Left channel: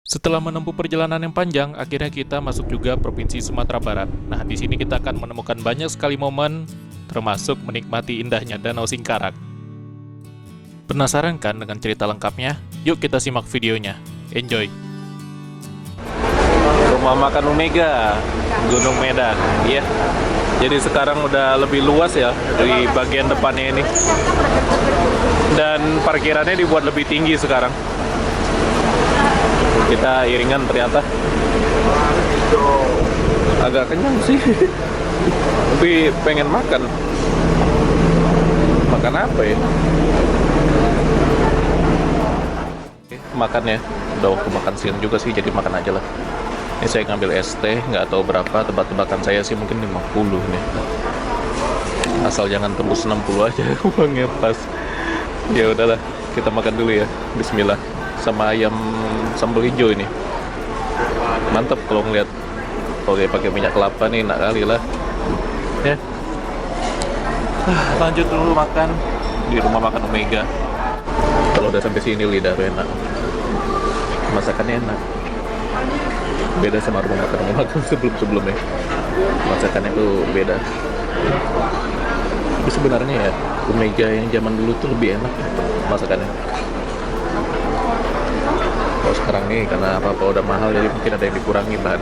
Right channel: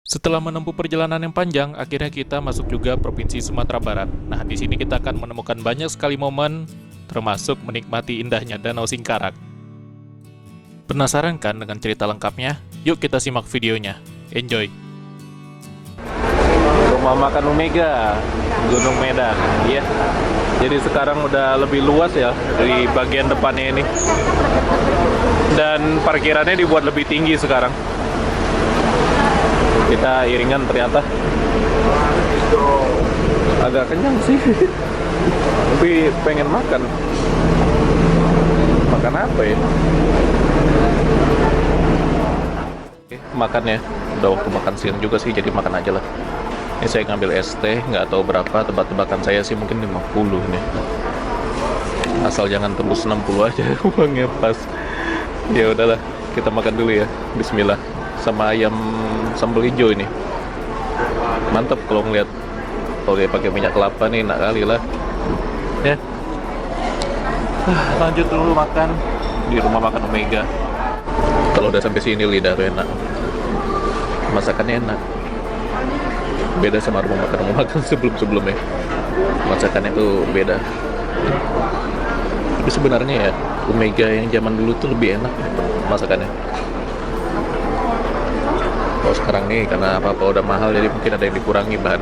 Setelah menempuh perjalanan yang panjang, akhirnya kita masuk juga Provinsi Sumatera Barat. Nah, di sini kita akan menemukan banyak sekali momen, termasuk menikmati indahnya Danau Singkarak. Penasaran kan dengan cerita lengkapnya? Yuk kita simak videonya. Enjoy! Rumah makan Omega, Gunung Medan. Iya. Jadi sekarang udah lebih luas ya di bagian depannya ini. Dan parkirannya dibuat lebih tinggi sekarang. Kita iringan ternyata. Agak kenyang sih. Tapi pengen makan. Makan apa ya? Makannya udah waktu makan siang juga sih, jadi makan aja lah. Ini saya ngambil es teh, nggak tahu berapa, tebak-tebakan saya sih mungkin 50 nih. Asal jangan tembus 60 aja, uangnya pas. Ya udahlah, kita makan dulu ya. Bismillah. Sama ayam sambal hijau ini. Mantap kalau ngeliat. Kalau dia pakai minyak kelapa nih, enak kali lah. Ya. Lanjut dulu makan di rumah makan Omega. Kalau udah sampai sini lidah tuh enak. Masakannya enak. Beda sama rumah makan sebelum-sebelumnya. Masakannya tuh beda. Tapi sebenarnya ya Omega yang zaman dulu tuh lebih enak masakannya. Kalau sekarang nih karena apa-apa udah mahal, jadi mungkin ada yang dikurangi bahan.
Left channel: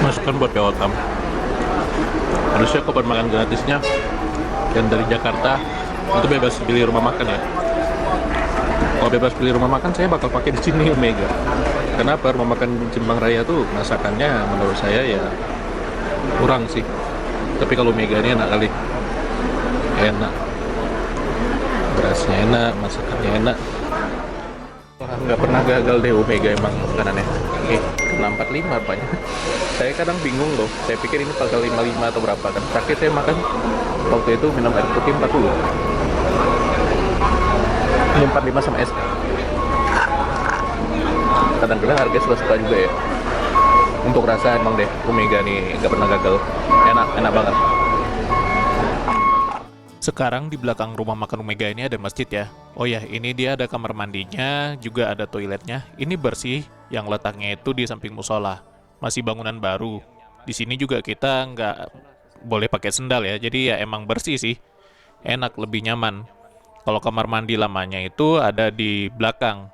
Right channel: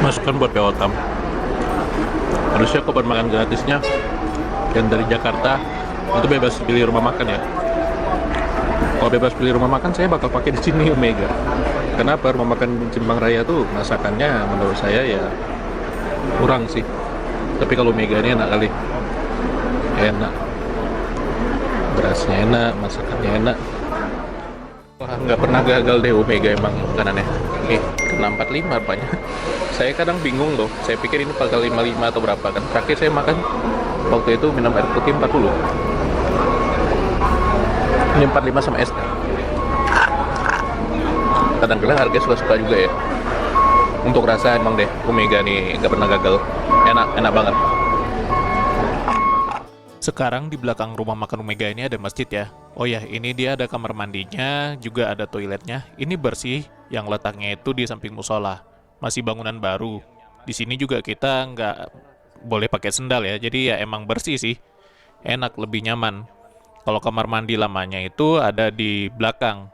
Masukkan buat Peotam. Harusnya kapan makan gratisnya yang dari Jakarta itu bebas pilih rumah makan ya. Kalau bebas pilih rumah makan, saya bakal pakai di sini Omega. Kenapa? Rumah makan Cimbang Raya tuh masakannya menurut saya ya kurang sih. Tapi kalau Omega ini enak kali. Enak. Berasnya enak, masakannya enak. Wah, nggak pernah gagal deh Omega emang makanannya. Kena 45 rupanya. Saya kadang bingung loh. Saya pikir ini pasal 55 atau berapa kan. Terakhir saya makan waktu itu minum air putih 40. Ini 45 sama es. Kadang-kadang harga suka-suka juga ya. Untuk rasa emang deh Omega nih nggak pernah gagal. Enak banget. Sekarang di belakang rumah makan Omega ini ada masjid ya. Oh ya, ini dia ada kamar mandinya, juga ada toiletnya. Ini bersih, yang letaknya itu di samping musola. Masih bangunan baru. Di sini juga kita nggak boleh pakai sendal ya, jadi ya emang bersih sih. Enak, lebih nyaman. Kalau kamar mandi lamanya itu ada di belakang.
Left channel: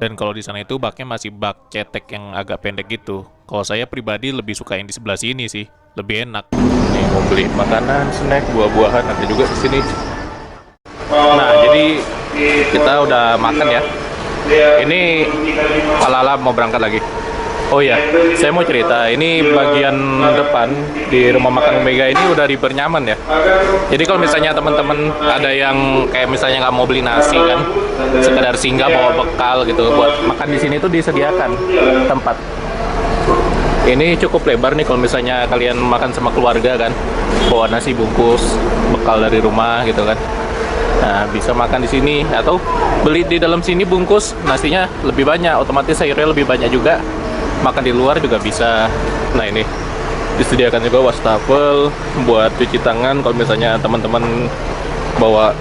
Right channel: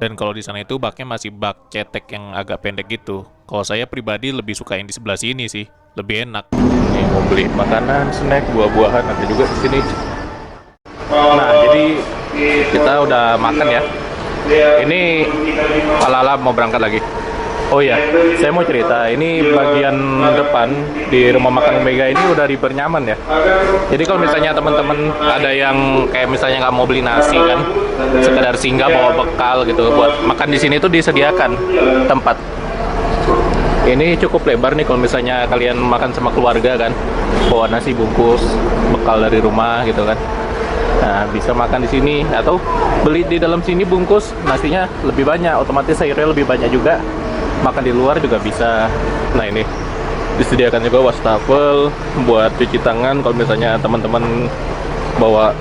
Dan kalau di sana itu baknya masih bak cetek yang agak pendek gitu. Kalau saya pribadi lebih suka yang di sebelah sini sih, lebih enak. Nih mau beli makanan, snack, buah-buahan ada juga di sini. Nah, jadi kita udah makan ya. Ini ala-ala mau berangkat lagi. Oh iya, saya mau cerita. Ini bagian depan di rumah makan Omega ini udah nyaman ya. Jadi kalau misalnya teman-teman ada yang kayak misalnya nggak mau beli nasi kan, sekedar singgah bawa bekal gitu buat makan di sini tuh disediakan tempat. Ini cukup lebar nih kalau misalnya kalian makan sama keluarga kan, bawa nasi bungkus, bekal dari rumah gitu kan. Nah, bisa makan di sini atau beli di dalam sini bungkus, nasinya lebih banyak, otomatis sayurnya lebih banyak juga. Makan di luar juga bisa. Nah, ini disediakan juga wastafel buat cuci tangan kalau misalnya teman-teman bawa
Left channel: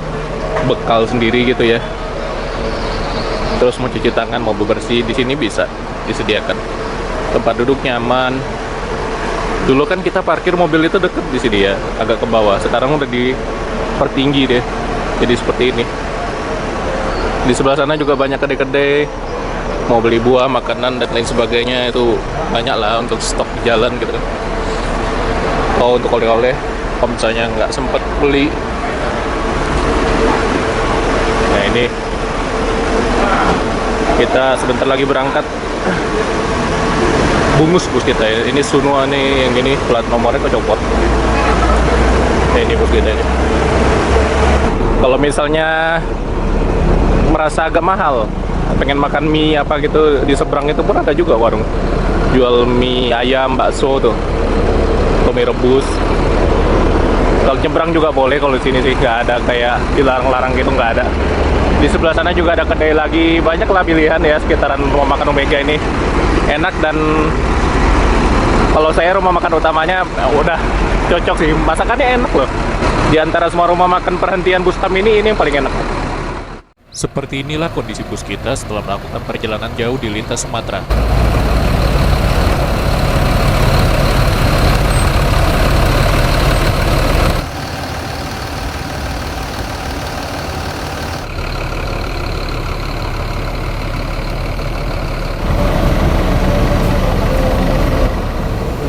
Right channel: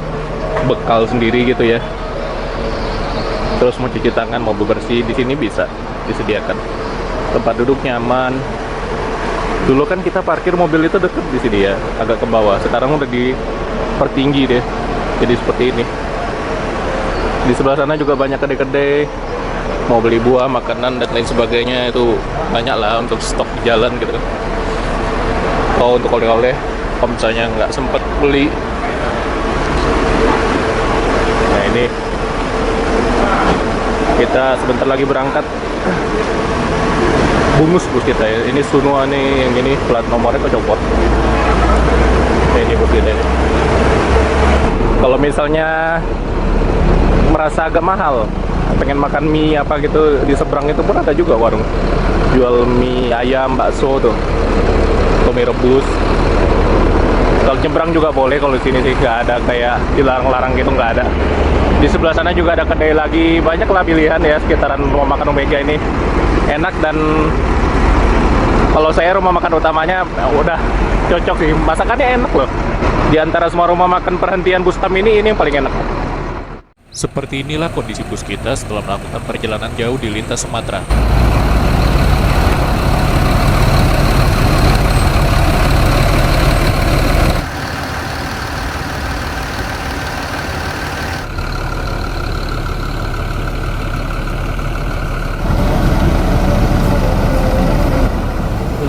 bekal sendiri gitu ya. Terus mau cuci tangan, mau bebersih, di sini bisa disediakan. Tempat duduk nyaman. Dulu kan kita parkir mobil itu deket di sini ya, agak ke bawah. Sekarang udah dipertinggi deh. Jadi seperti ini. Di sebelah sana juga banyak kedai-kedai. Mau beli buah, makanan, dan lain sebagainya itu banyak lah untuk stok di jalan gitu. Oh, untuk oleh-oleh, kalau misalnya nggak sempet beli. Nah, ini kita sebentar lagi berangkat. Bungus bus kita ya. Ini Sunua nih, yang ini plat nomornya kecopot. Nah, ini bus kita ini. Kalau misalnya merasa agak mahal, pengen makan mie apa gitu, di seberang itu pun ada juga warung jual mie ayam, bakso tuh, atau mie rebus. Kalau nyebrang juga boleh, kalau di sini sih nggak ada kayak dilarang-larang gitu, nggak ada. Di sebelah sana juga ada kedai lagi, banyak lah pilihan ya sekitaran rumah makan Omega ini. Enak, dan kalau saya rumah makan utamanya udah cocok sih, masakannya enak loh. Di antara semua rumah makan perhentian Bustam ini yang paling enak. Seperti inilah kondisi bus kita setelah melakukan perjalanan jauh di lintas Sumatera.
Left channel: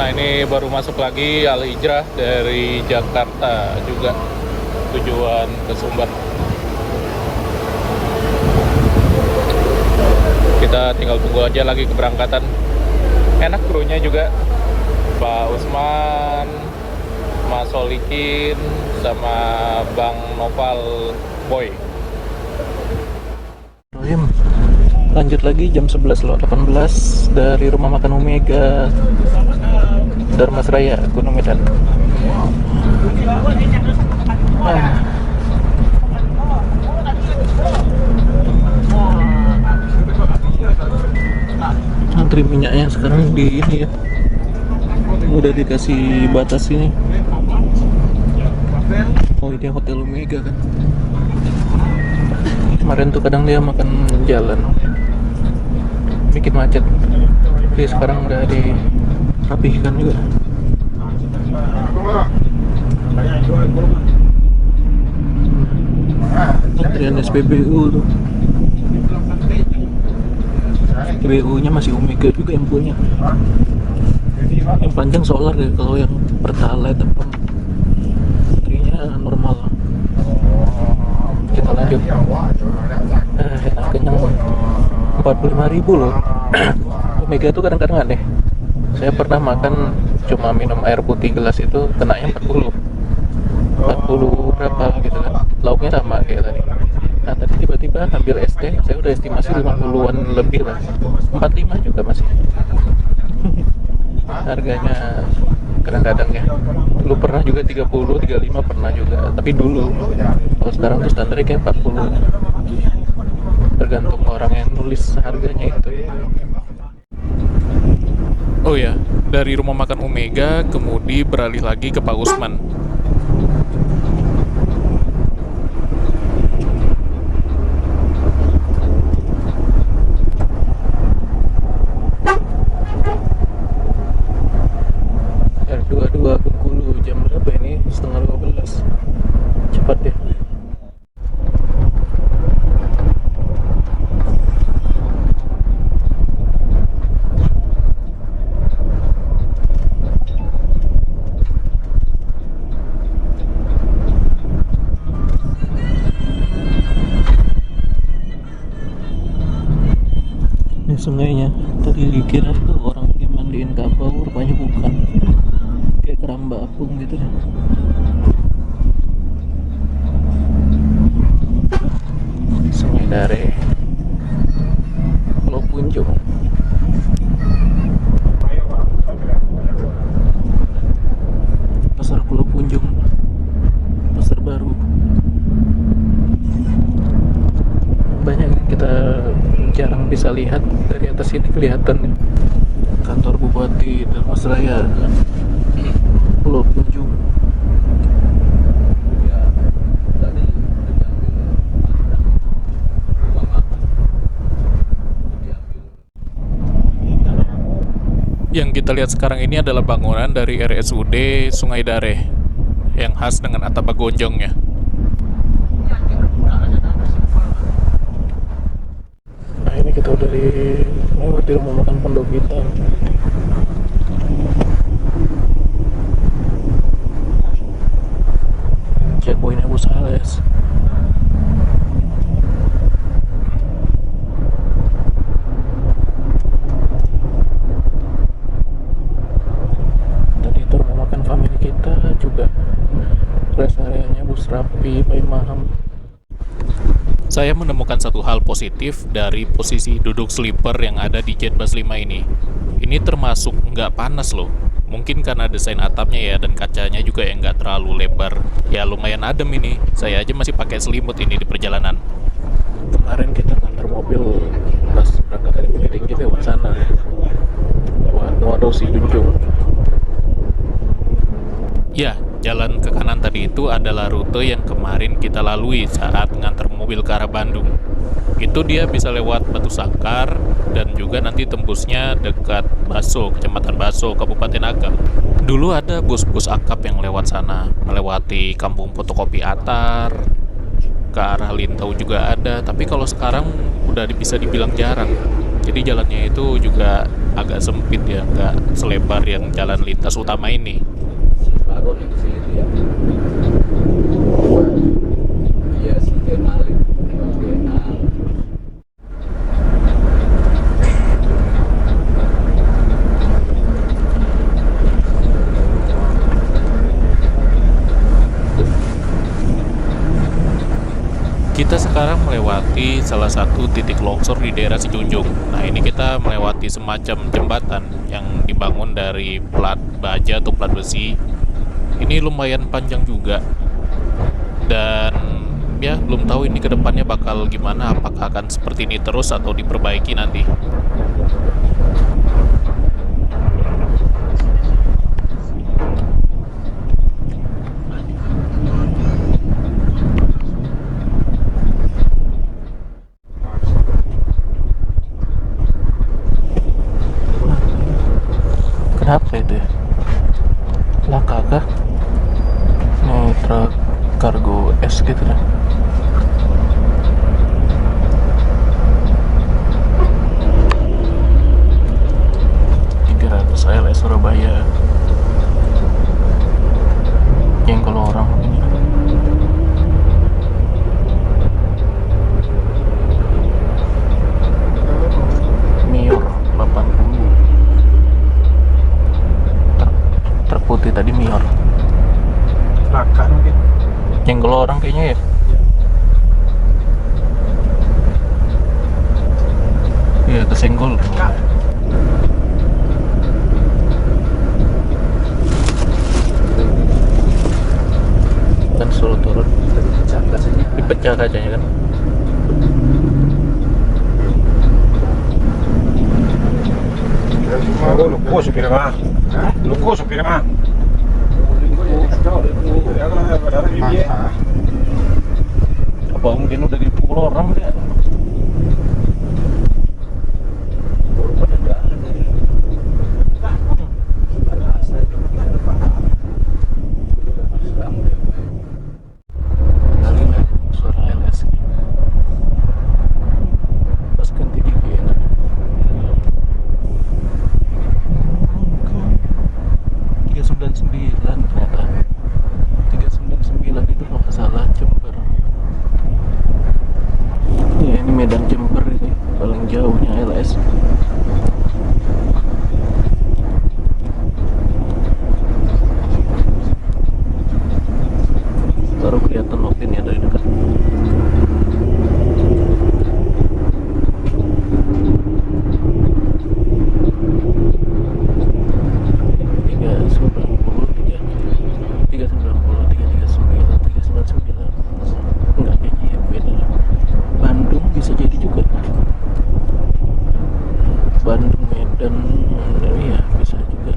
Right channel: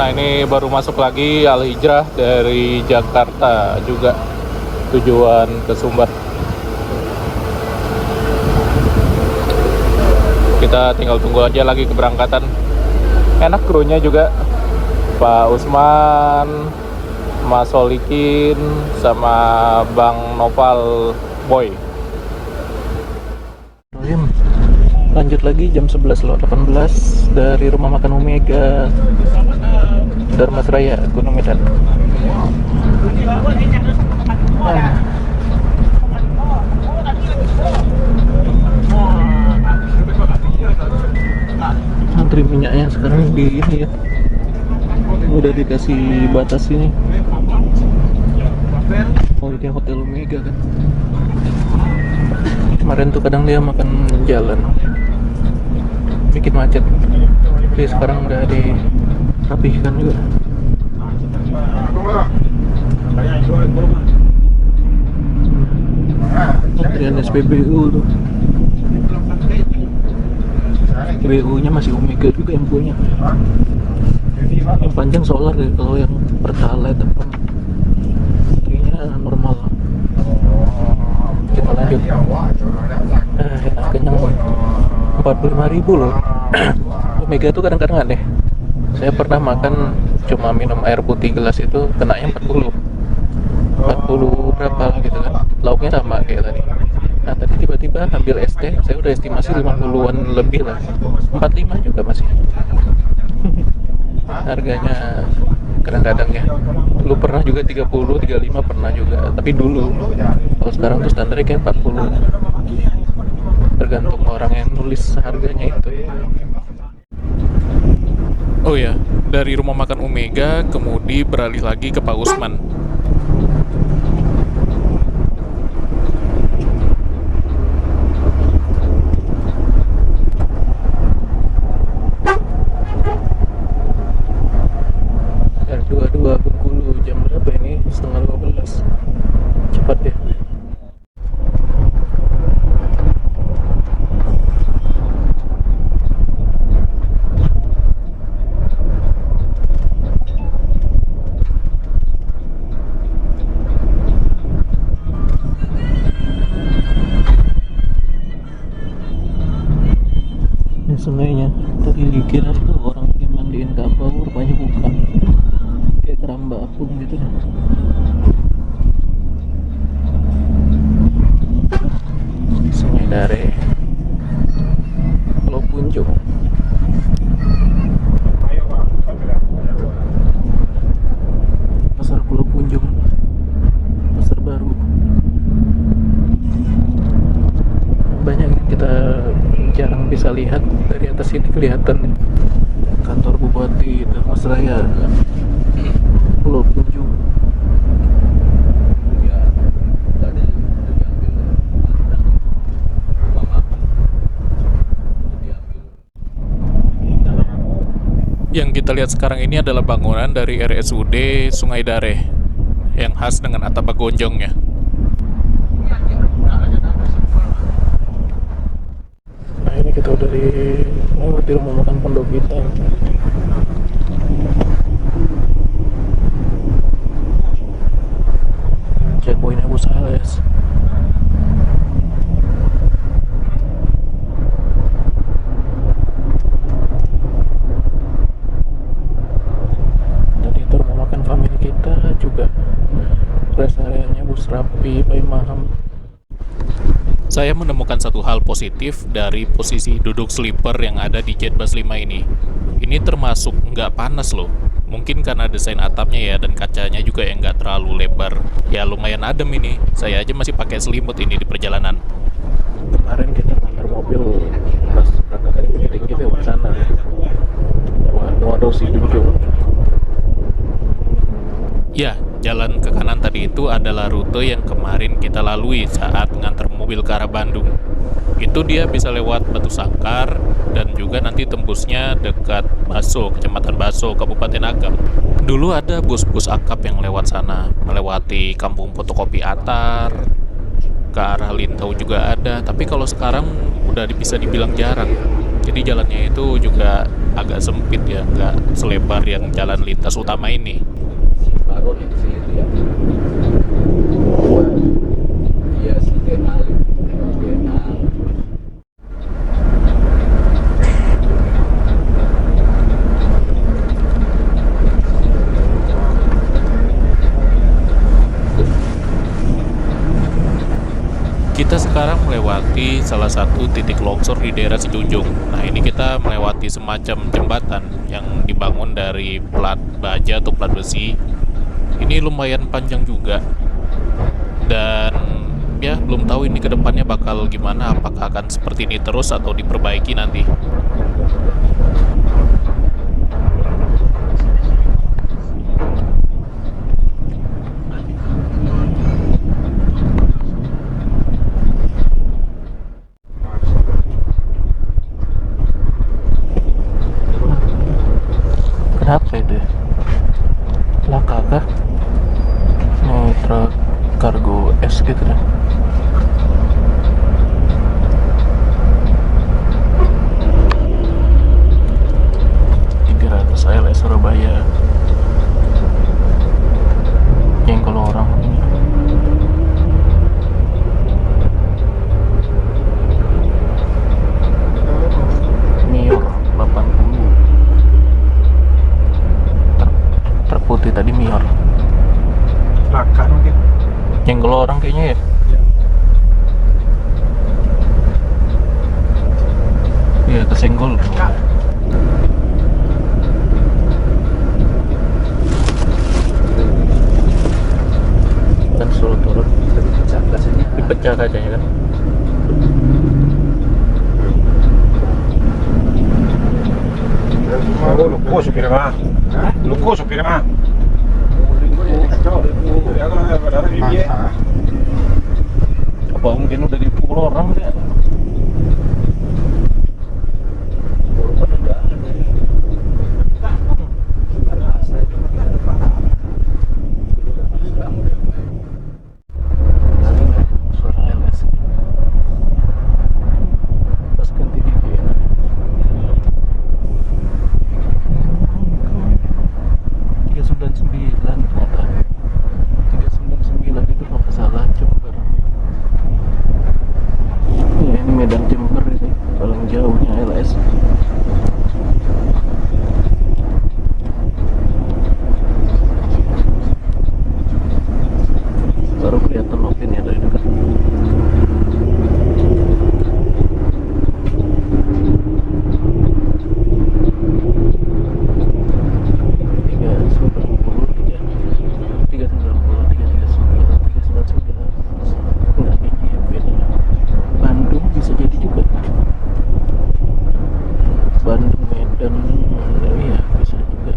Nah, ini baru masuk lagi Al Hijrah dari Jakarta juga, tujuan ke Sumbar. Kita tinggal tunggu aja lagi keberangkatan. Enak krunya juga, Pak Usman, Mas Solikin, sama Bang Noval Boy. Lanjut lagi jam 11.18 dari rumah makan Omega Darmasraya, Gunung Medan. Antri minyaknya sekarang di ini ya, udah dikasih batas ini. Oh, ini Hotel Omega kan. Kemarin tuh kadang dia makan jalan, bikin macet. Jadi sekarang udah dirapihkan juga. Antrian SPBU tuh. SPBU nya masih Omega juga yang punya. Yang panjang solar ya, kalau yang Pertalite apa antrinya normal. Kita lanjut. Enak, kenyang. 45.000 loh. Omega tuh kadang-kadang aneh. Saya pernah makan cuma minum air putih gelas itu kenanya 40 berapa gitu kan. Lauknya sama kayak tadi. Nah, tadi tiba-tiba ambil es teh, saya udah estimasi 50-an lebih lah. 45 juga masih. Harganya kadang-kadang ya. Dulu pernah juga 30, 35 pernah juga. Tapi dulu. Kalau sekarang tuh standarnya kayak 40. Tergantung orang yang nulis harganya itu. Oh ya, dari rumah makan Omega kemudi beralih lagi ke Pak Usman. R22 Bengkulu, jam berapa ini? Setengah 15. Cepat deh. Sungainya tadi dikira itu orang yang mandiin kabau, rupanya bukan, kayak keramba apung gitu deh. Sungai Dare, Pulau Punjung. Pasar Pulau Punjung, pasar baru. Banyak yang kita jarang bisa lihat. Dari atas ini kelihatan nih, kantor Bupati Darmasraya, Pulau Punjung. Yang kita lihat sekarang ini adalah bangunan dari RSUD Sungai Dare yang khas dengan atap gonjongnya. Nah, ini kita udah melewati rumah makan Pondok Hitam. Checkpoint Abu Sales. Tadi itu rumah makan family kita juga. Rest areanya bus rapi, Pai Maham. Saya menemukan satu hal positif dari posisi duduk sleeper yang ada di Jetbus 5 ini. Ini termasuk nggak panas loh. Mungkin karena desain atapnya ya, dan kacanya juga yang nggak terlalu lebar. Ya lumayan adem ini. Saya aja masih pakai selimut ini di perjalanan. Kemarin kita nganter mobil pas berangkat dari Bukit Tinggi lewat sana. Lewat Muadosi Junjung. Ya, Jalan ke kanan tadi itu adalah rute yang kemarin kita lalui saat nganter mobil ke arah Bandung. Itu dia bisa lewat Batu Sangkar dan juga nanti tembusnya dekat Baso, Kecamatan Baso, Kabupaten Agam. Dulu ada bus-bus akap yang lewat sana, melewati kampung fotokopi Atar, ke arah Lintau juga ada, tapi kalau sekarang udah bisa dibilang jarang. Jadi jalannya itu juga agak sempit ya, nggak selebar yang jalan lintas utama ini. Baru yang kesini tuh ya. Iya sih kenal. Kenal. Kita sekarang melewati salah satu titik longsor di daerah Sijunjung. Nah, ini kita melewati semacam jembatan yang dibangun dari plat baja atau plat besi. Ini lumayan panjang juga. Dan ya, belum tahu ini ke depannya bakal gimana, apakah akan seperti ini terus atau diperbaiki nanti. Kenapa itu? Laka kah? Nih truk kargo es gitu dah. LS Surabaya. Yang kalau orang Mior 80. Truk putih tadi Mior. Laka mungkin. Yang kalau orang kayaknya ya. Iya, kesenggol. Kan suruh turun. Dipecah kacanya kan. Lukko supir mah. Lukko supir mah. Apa mungkin udah dipukul orang ya? Suara LS pas ganti di Vienna. 399 ternyata. 399 itu kalau nggak salah Jember. Ya ini Medan Jember ini paling jauhnya LS. Baru kelihatan Opinnya dari dekat. Bisa jadi juga Bandung Medan, iya bisa juga.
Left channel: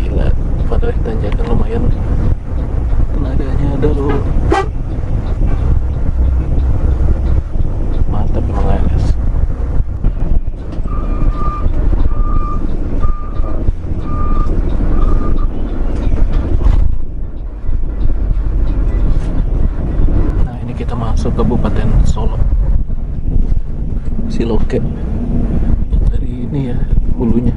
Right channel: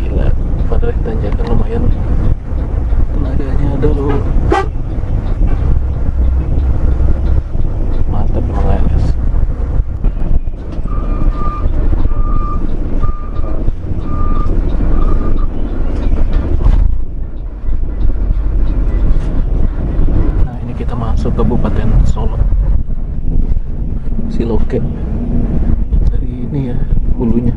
Gila, padahal tanjakan lumayan tenaganya ada loh. Mantap emang LS. Nah ini kita masuk Kabupaten Solo, Siloke. Dari ini ya hulunya.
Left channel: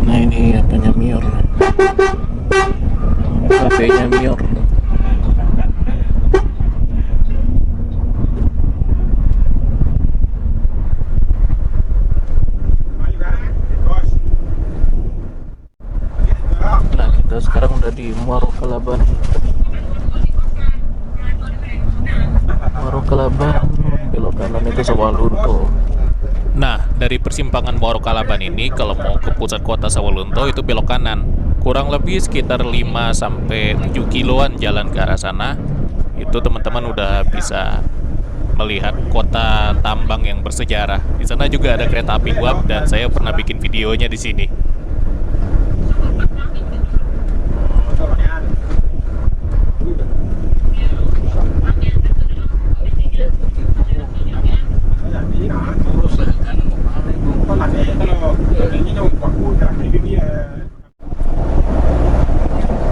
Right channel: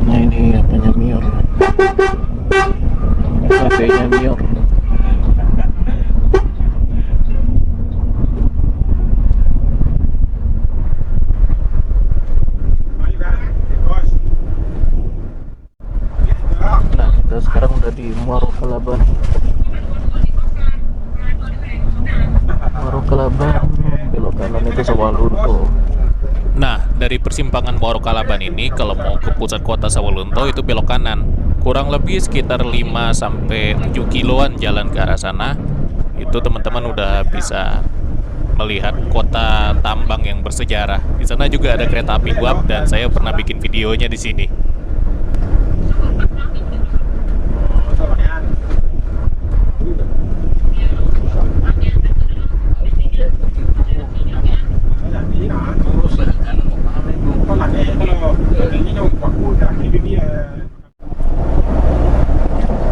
Nah ini apanya Mior, kafenya Mior. di Muaro Kalaban. Muaro Kalaban, belok kanan itu Sawalunto. Nah, dari persimpangan Muaro Kalaban ini kalau mau ke pusat kota Sawalunto itu belok kanan. Kurang lebih sekitar 5-7 kiloan jalan ke arah sana. Itu teman-teman udah bisa melihat kota tambang yang bersejarah. Di sana juga ada kereta api uap dan saya pernah bikin videonya di sini.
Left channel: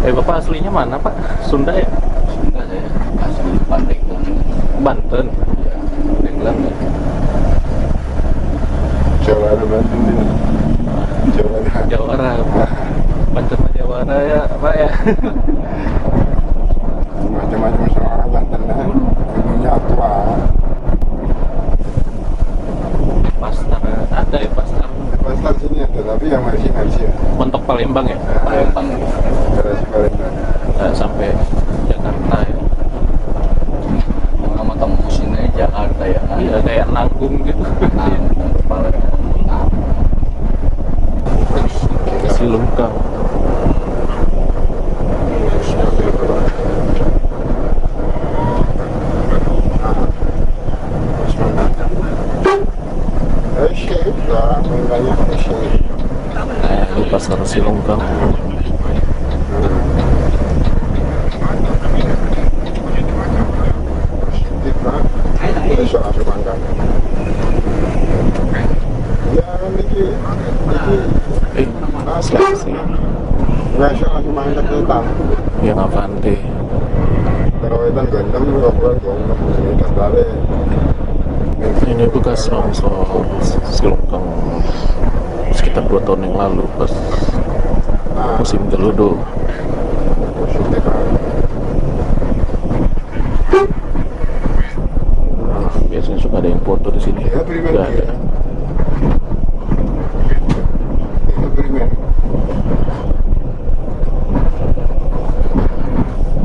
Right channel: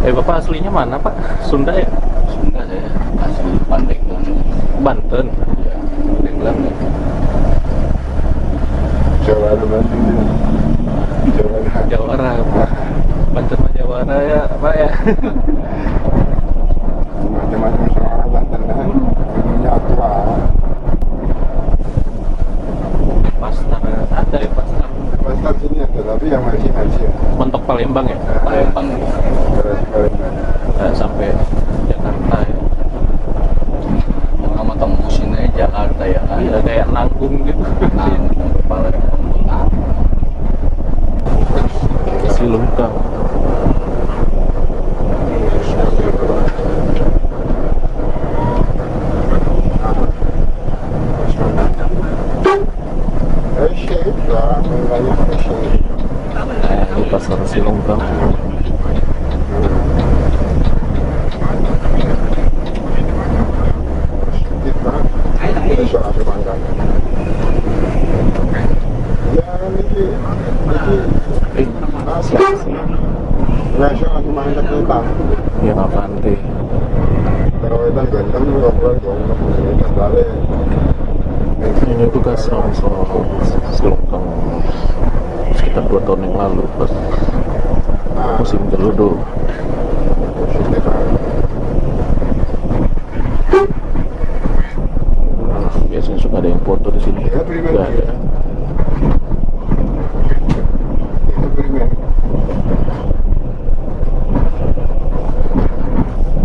Bapak aslinya mana, Pak? Sunda ya? Sunda saya asli Pandeglang. Banten. Pandeglang ya. Jawara Bandung. Jawara. Jawara. Banten mah Jawara ya, Pak ya. Macam-macam soal Banten lah. Ilmunya tua. Pasar ada ya pasar. Pasar sini ada, tapi yang masih ya. Mentok Palembang ya? Palembang. Garasi Palembang. Nggak sampai Jakarta ya. Nama tembusin aja Jakarta ya kan. Iya kayak nanggung gitu. Nah, kepala pembunuh. Silungkang. Syekh, orang banyak Syekh. Nah, ini pasar Silungkang. Nasional Sumatera kita. Yang Avante. Karawetan gandam juga kurang dong, komunitas balik. Ini bekas longsor Silungkang sekitar 2 tahun yang lalu pas musim geludo. Biasanya suka ada yang foto di sini. Nggak ada. Itu primer.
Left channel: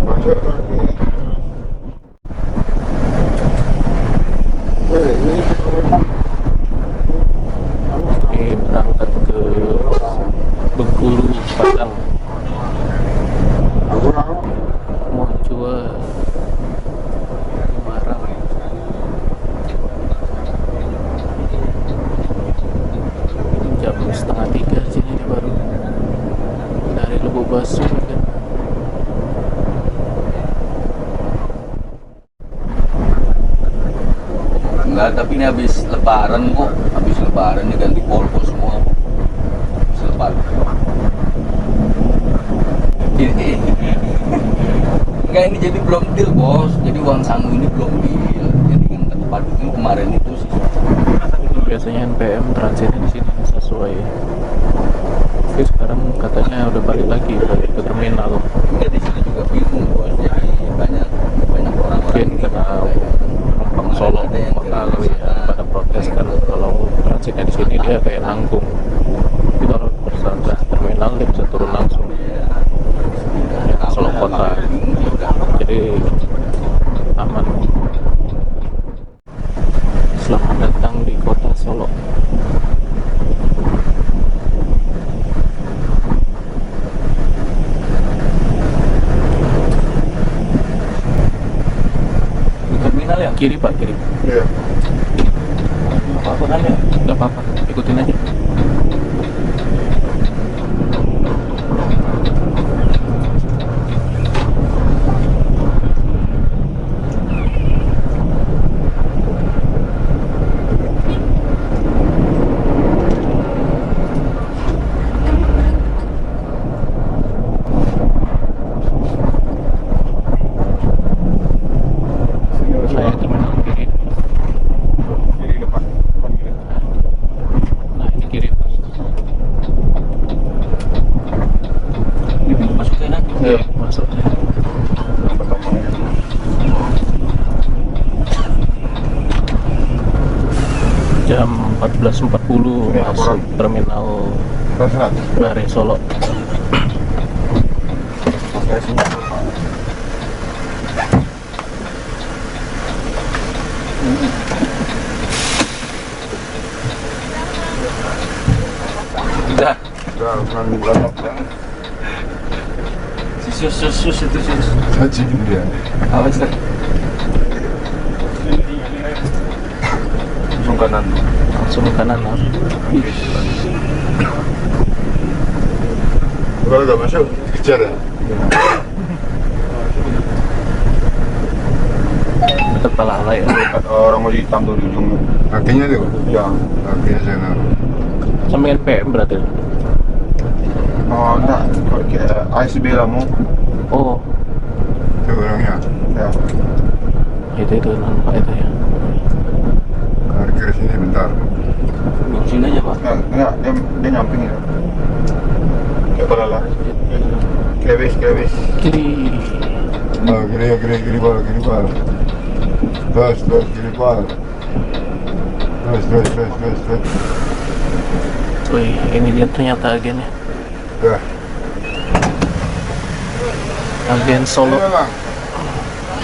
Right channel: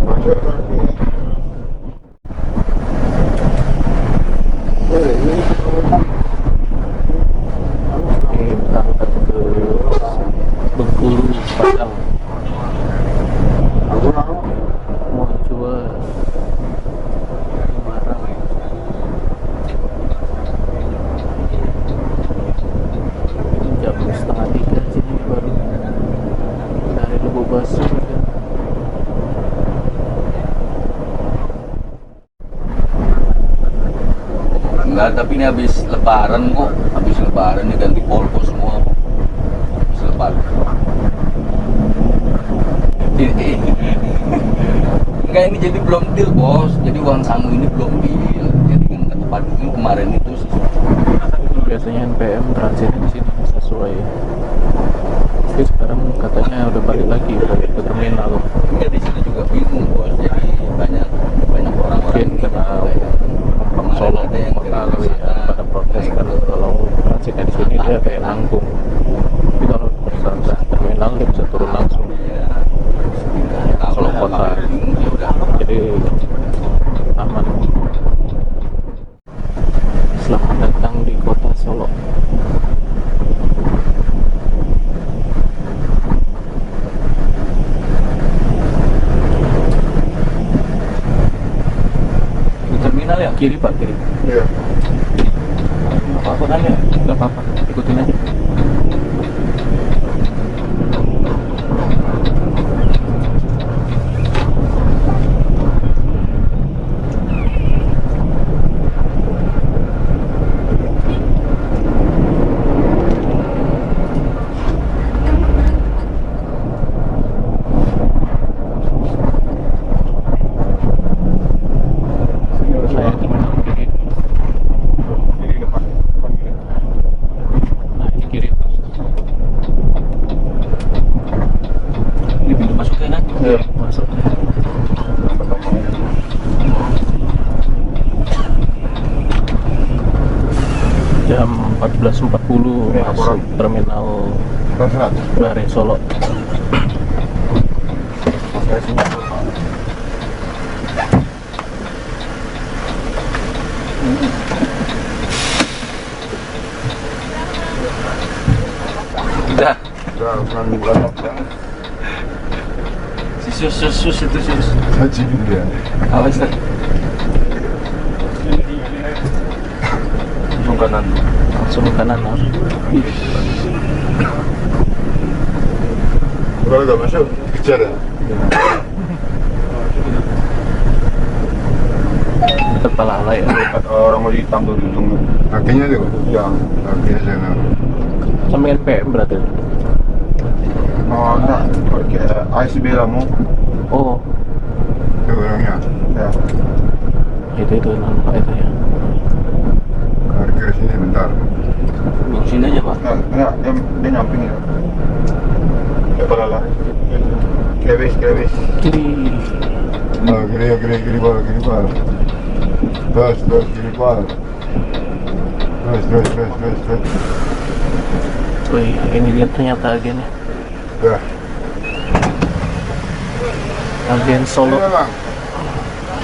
Masuk lagi. Ini berangkat ke Bengkulu, Padang. Mau coba Semarang. Jam 2:30 sini dia baru dari Lubuk Basu kan. Enggak, tapi ini habis lebaran kok. Habis lebaran ini ganti Volvo semua kok. Habis lebaran. Enggak, ini jadi belum deal bos. Jadi uang sangu ini belum deal. Jadi kan kata Pak Dwi kemarin itu sih. Biasanya NPM transitnya di sini sesuai. Tapi sekarang katanya udah balik lagi ke terminal. Enggak, di sini juga bingung bos. Jadi banyak orang-orang Mungkin ini karena penumpang Solo kota kali ya pada protes kan kalau transitnya di sini dia kayak nanggung. Tapi kalau ke terminal dia bisa turun langsung. Solo kota. Jadi aman. Selamat datang di kota Solo. Di terminal ya? Kiri Pak, kiri. Iya. Apa-apa kan ya? Nggak apa-apa, ikutin aja. Saya terminal kiri. Kiri depan. Nah ini kiri Pak. Ini pintu masuknya kan? Iya, masuk. Nomor tomang. Jam 14.40 masuk terminal Terus Bare Solo. Kasihnya dulu. Udah. Udah, kurang banyak ya. Sus itu sus. Cacing dia. Awas dah. Langsung kanan. Langsung kanan. Udah gak masuk, kejar ya. Dekat Palala ya. Orang mau hitam tuh di ujung. Kakinya tuh? Ya. Kakinya sana. Sampai NPM berarti. Oh, enggak. Pakai ASB lah mau. Oh, Itu orangnya. Ya. itu nampak itu ya. Parkir sini bentar. Belum sini aja pak. Enggak, dia nyamping ya. Ya lah. Krebis. Kiri. Oh, kiri bal. Terus, kiri bal. Terus. Wih, ini dia ternyata agennya. Dah. Agen Solo. Ayo, Bang.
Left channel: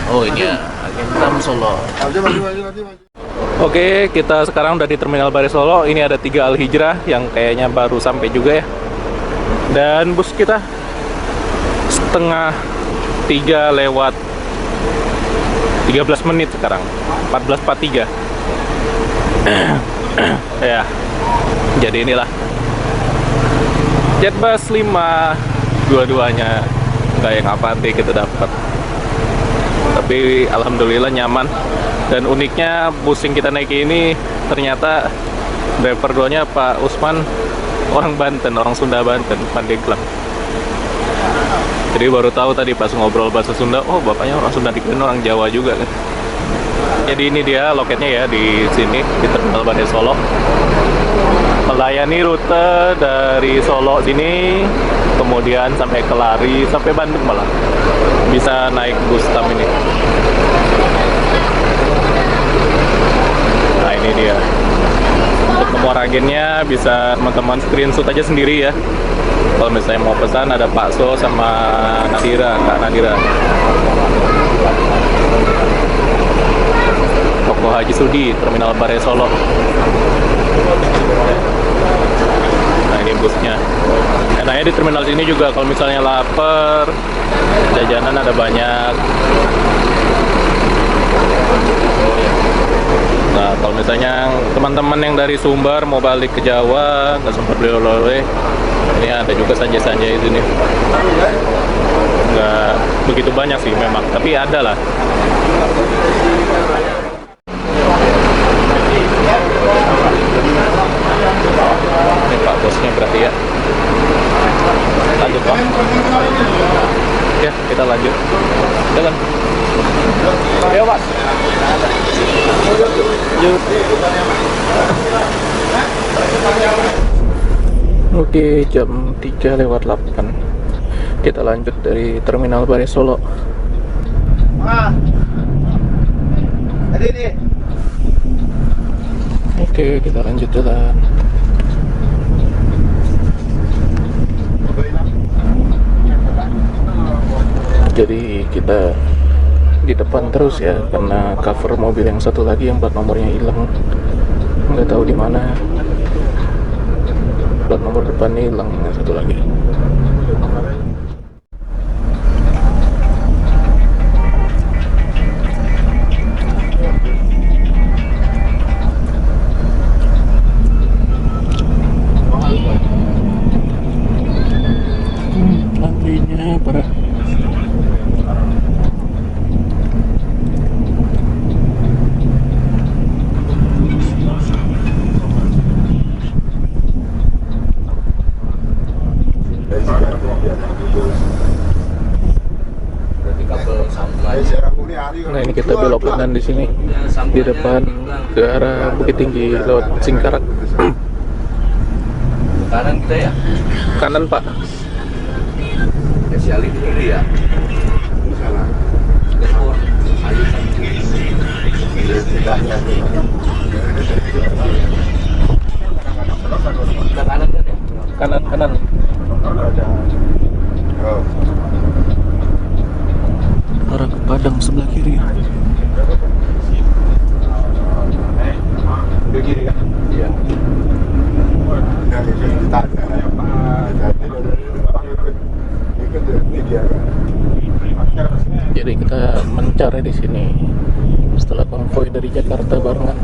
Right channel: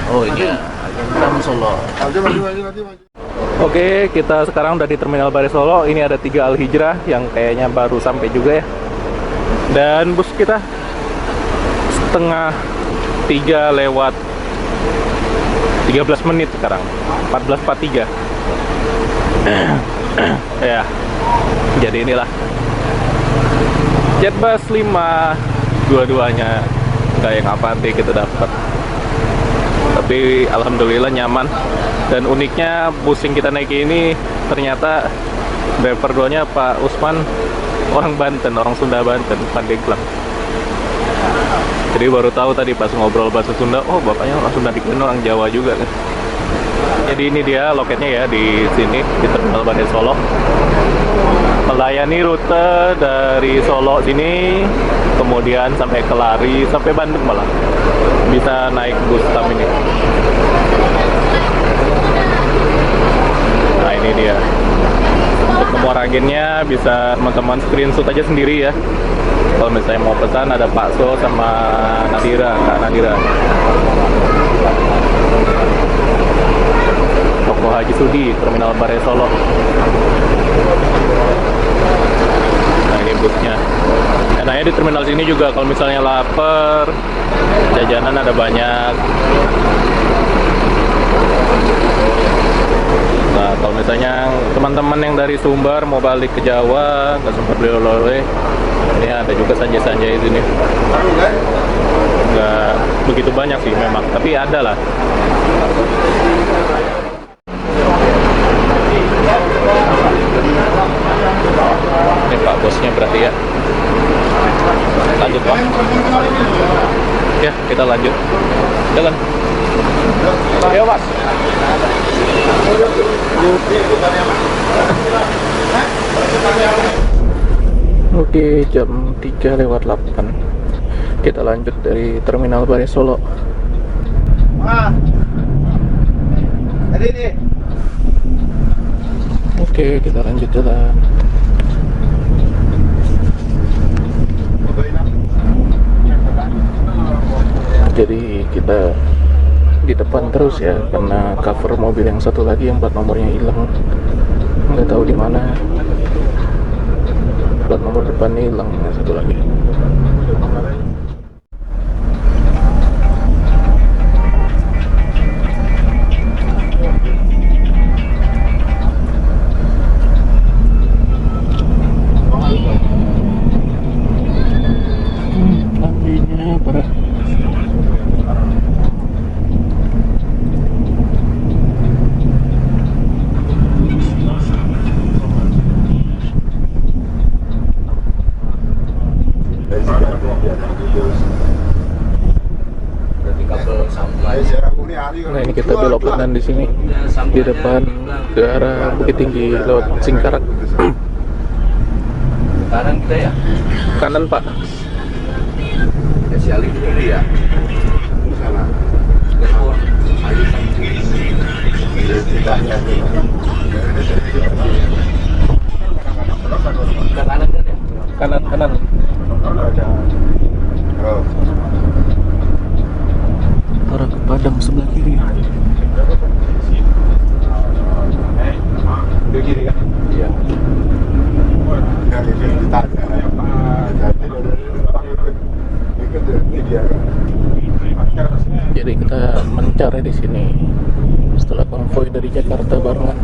Oh ini ya, agen Tam Solo. Maju. Oke, kita sekarang udah di Terminal Bare Solo. Ini ada 3 Al Hijrah yang kayaknya baru sampai juga ya. Dan bus kita setengah 3 lewat 13 menit sekarang. 14.43. Ya. Jadi inilah Jetbus 5 dua-duanya nggak yang Avanti kita dapat. Tapi alhamdulillah nyaman. Dan uniknya bus yang kita naiki ini ternyata driver duanya Pak Usman orang Banten, orang Sunda Banten, Pandeglang. Jadi baru tahu tadi pas ngobrol bahasa Sunda, oh bapaknya orang Sunda, dikira orang Jawa juga kan. Jadi ini dia loketnya ya di sini di Terminal Bare Solo. Melayani rute dari Solo sini, kemudian sampai ke Lari, sampai Bandung malah. Bisa naik bus TAM ini. Nah ini dia. Untuk nomor agennya bisa teman-teman screenshot aja sendiri ya. Kalau misalnya mau pesan ada Pak So sama Nadira, Kak Nadira. Toko Haji Sudi, Terminal Bare Solo. Nah ini busnya. Enaknya di terminal sini juga kalau misalnya lapar, jajanan ada banyak. Nah kalau misalnya teman-teman yang dari Sumbar mau balik ke Jawa nggak sempat beli oleh-oleh, ini ada juga sanjay-sanjay di sini. Nggak begitu banyak sih memang, tapi ada lah. Ini Pak bosnya berarti ya. Lanjut Pak. Ya kita lanjut. Jalan. Ayo Mas. Yuk. Oke, jam 3:08. Kita lanjut dari Terminal Bare Solo. Oke, kita lanjut jalan. Jadi kita di depan terus ya, karena cover mobil yang satu lagi yang plat nomornya hilang, nggak tahu di mana. Plat nomor depannya hilang, yang satu lagi. Antrinya parah. Nah ini kita belok kanan di sini, di depan ke arah Bukit Tinggi lewat Singkarak. Kanan kita ya. Kanan Pak. Si Ali itu ini ya. Kita kanan kan ya. Kanan. Oh. Padang sebelah kiri. Begini kan? Iya. Ya, itu ditanya. Ikut dia kan. Jadi kita mencari di sini setelah konvoy dari Jakarta barengan.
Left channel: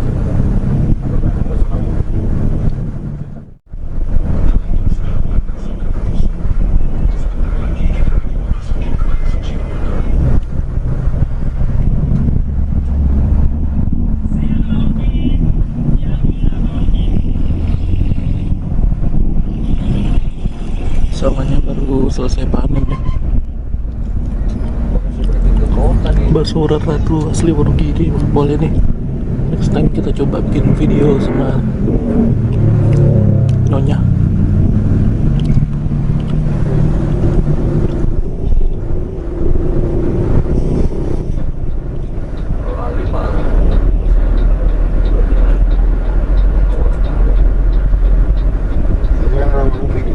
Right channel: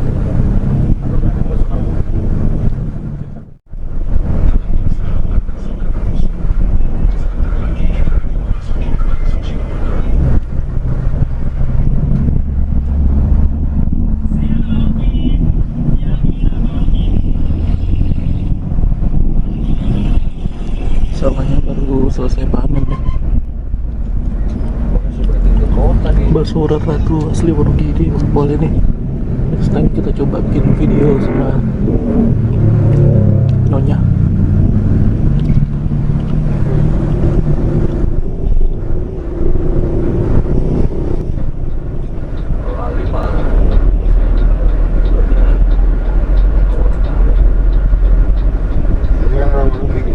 Sawahnya baru selesai panen ya. Basuran Ratu asli Wonogiri. Boleh nih, next time kita coba bikin video sama Nyonya. Ini kan orang kiri.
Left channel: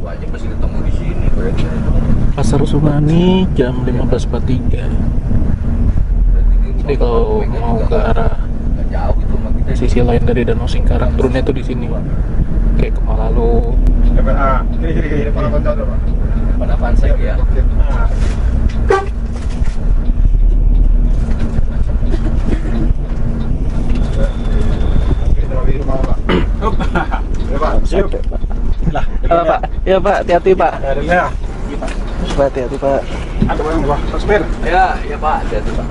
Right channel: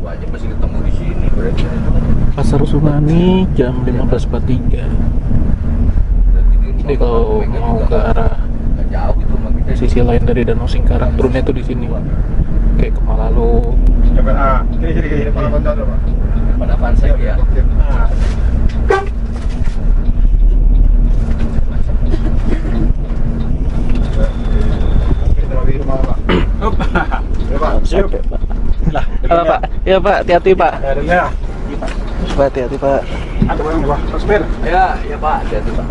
Wajib masih ketemu di sini berarti. Pasar Sumani jam 15.43. Jadi kalau mau ke arah Nggak jauh gitu sama kita. sisi lain dari Danau Singkarak, turunnya tuh di sini, kayak ke Malalu. Ini para kontak Pak. Depan apaan sih ya? Pak, ya Pak, hati-hati Pak. Pak, hati-hati Pak. Ada yang Pak, Sopir. Ya, ya Pak, hati-hati Pak.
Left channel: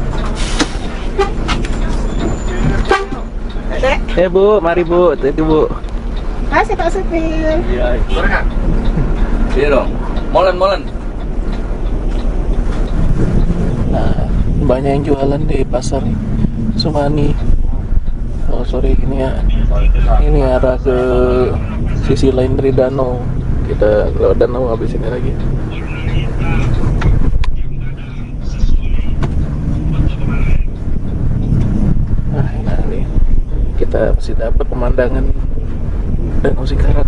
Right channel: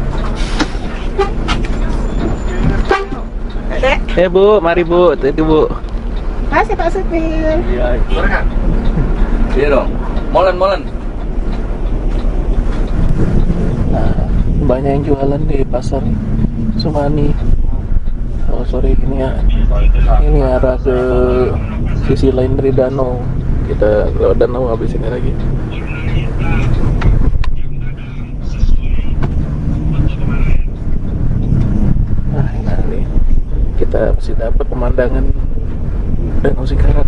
Ya Bu, mari Bu, hati-hati Bu. Masih Pak Supir. Iya. Iya dong. Molen. Nah, banyak yang jualan di pasar Sumani. Oh sorry, ini arah ke sisi lain dari danau. Kita lewat danau habis ini lagi. Nah ini kita masih dapat pemandangan Danau Singkarak.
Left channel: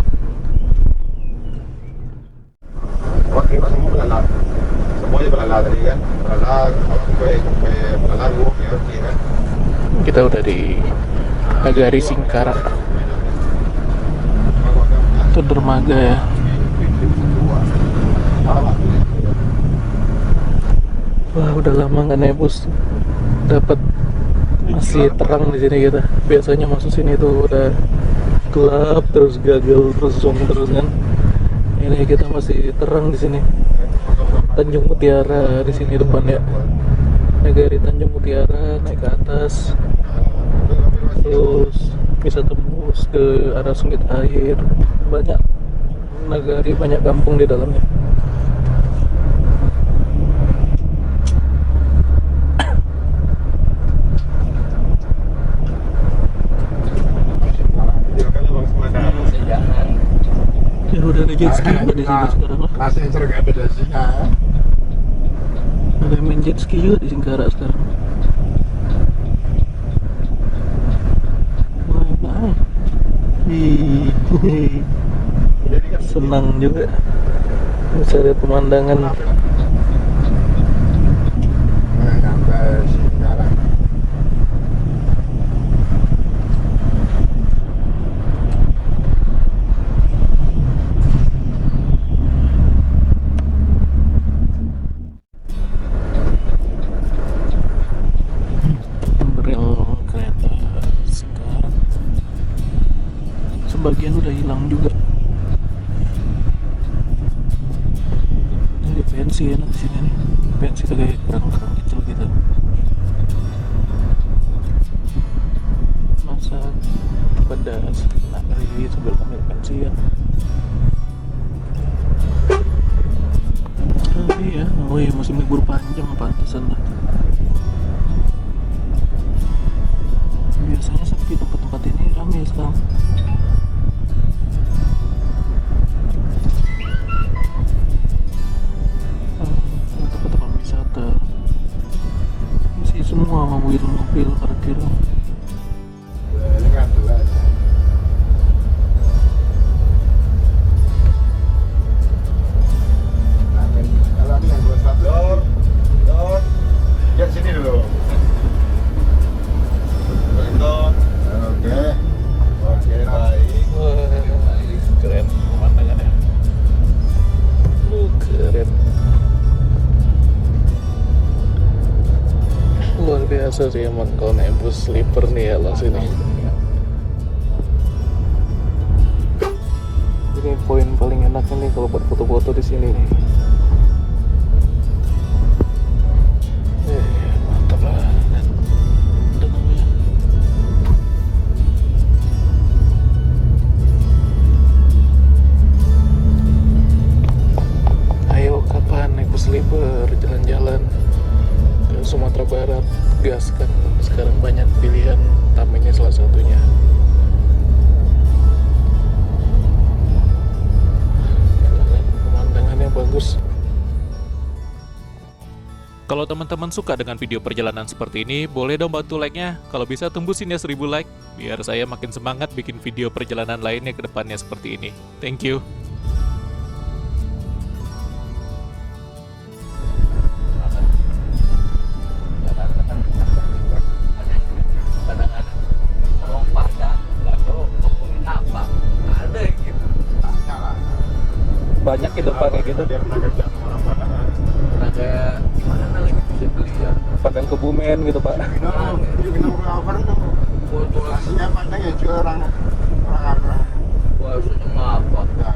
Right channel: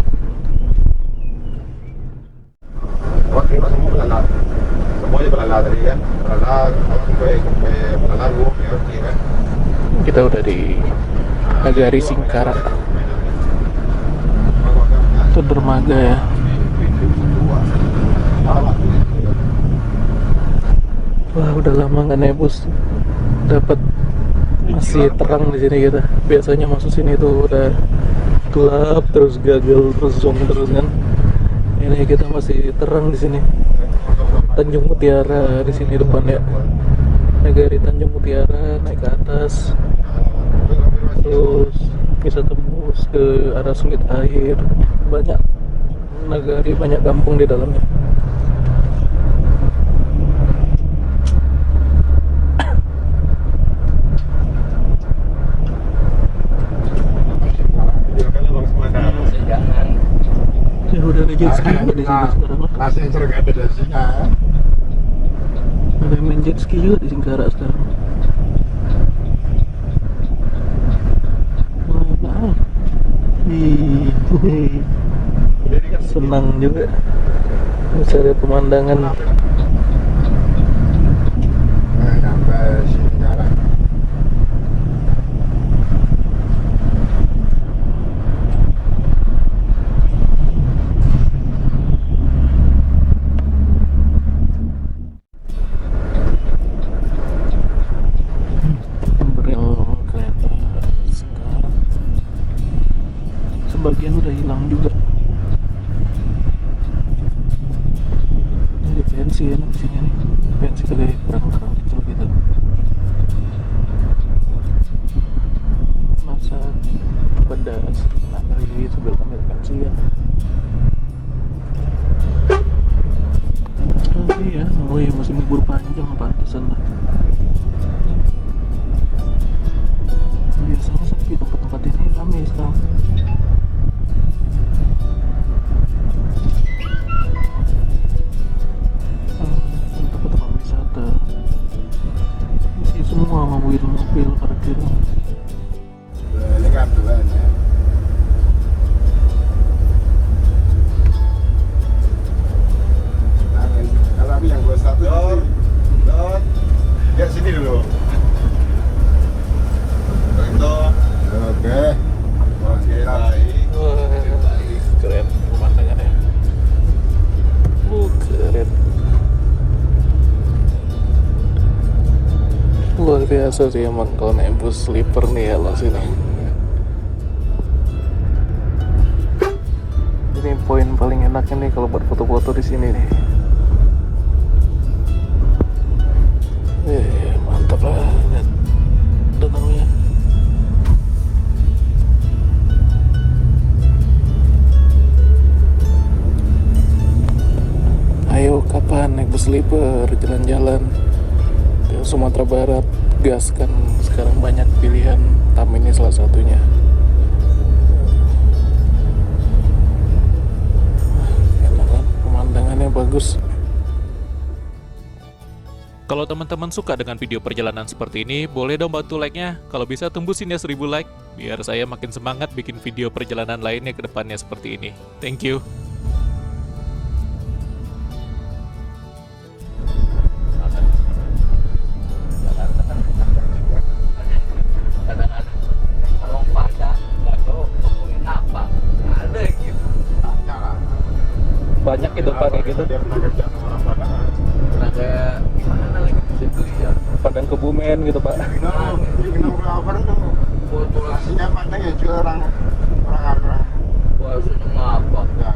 Semuanya pelala tadi kan. Pelala, kue pelala gua, kan. Kita udah di Nagari Singkarak. Itu dermaga ya. Wah udah lama nggak nebus. Dapat masih terang di sini kita. Biasanya masuk sini tuh udah gelap terus gagal terus zoom terus kan. Ini kita masih terang di sini. Tanjung Mutiara di sini depan ya. Nagari Tanjung Mutiara, naik ke atas. Terus bisa tembus ke arah Sulit Air. Banyak nagari, banyak kampung di dalamnya. Jangan. Ya udah ada jet ski juga di sini sekarang lah. Nasi serga beda sini. Ada yang main jet ski juga di Singkarak sekarang. Mana? Ih, senang juga bisa lihat pemandangan. Sampai sini sekarang. Rel kereta Singkarak sebagian udah hilang juga. Jadi pensi enak di sini nih. Pensi tuh kayak kerang-kerang kecil gitu. Masak pedas, nagari sambil ngambil pensian. Oh iya, musim libur panjang pantesan lah. Biasanya sepi tempat-tempat ini, ramai sekarang. Tempat-tempat wisata isi semua mobil-mobil pada biasa sih emang kalau naik bus sleeper nih ya lo sini. Ini poin paling enaknya nih kalau buat foto-foto di sini nih. Mantap lah, lihat danaunya. Ayo kapan naik bus sleeper jalan-jalan ke Sumatera Barat? Gas kan sekarang banyak pilihan, TAM ini salah satunya. Enak kan, pemandangannya bagus. Kalau teman-teman suka dengan video perjalanan seperti ini, boleh dong bantu like-nya. Kalau bisa tembusin ya 1000 like, biar saya makin semangat bikin video perjalanan lainnya ke depannya seperti ini. Thank you. Banyak gitu Pak kayak gitu. Dia pernah kerja sama orang Padang. Nah kayak gimana lagi bisa beli ya? Padang Kebumen gitu Pak. You know apa tuh? Aslinya Padang ya juga orang. Maksudnya ngapa? Ya.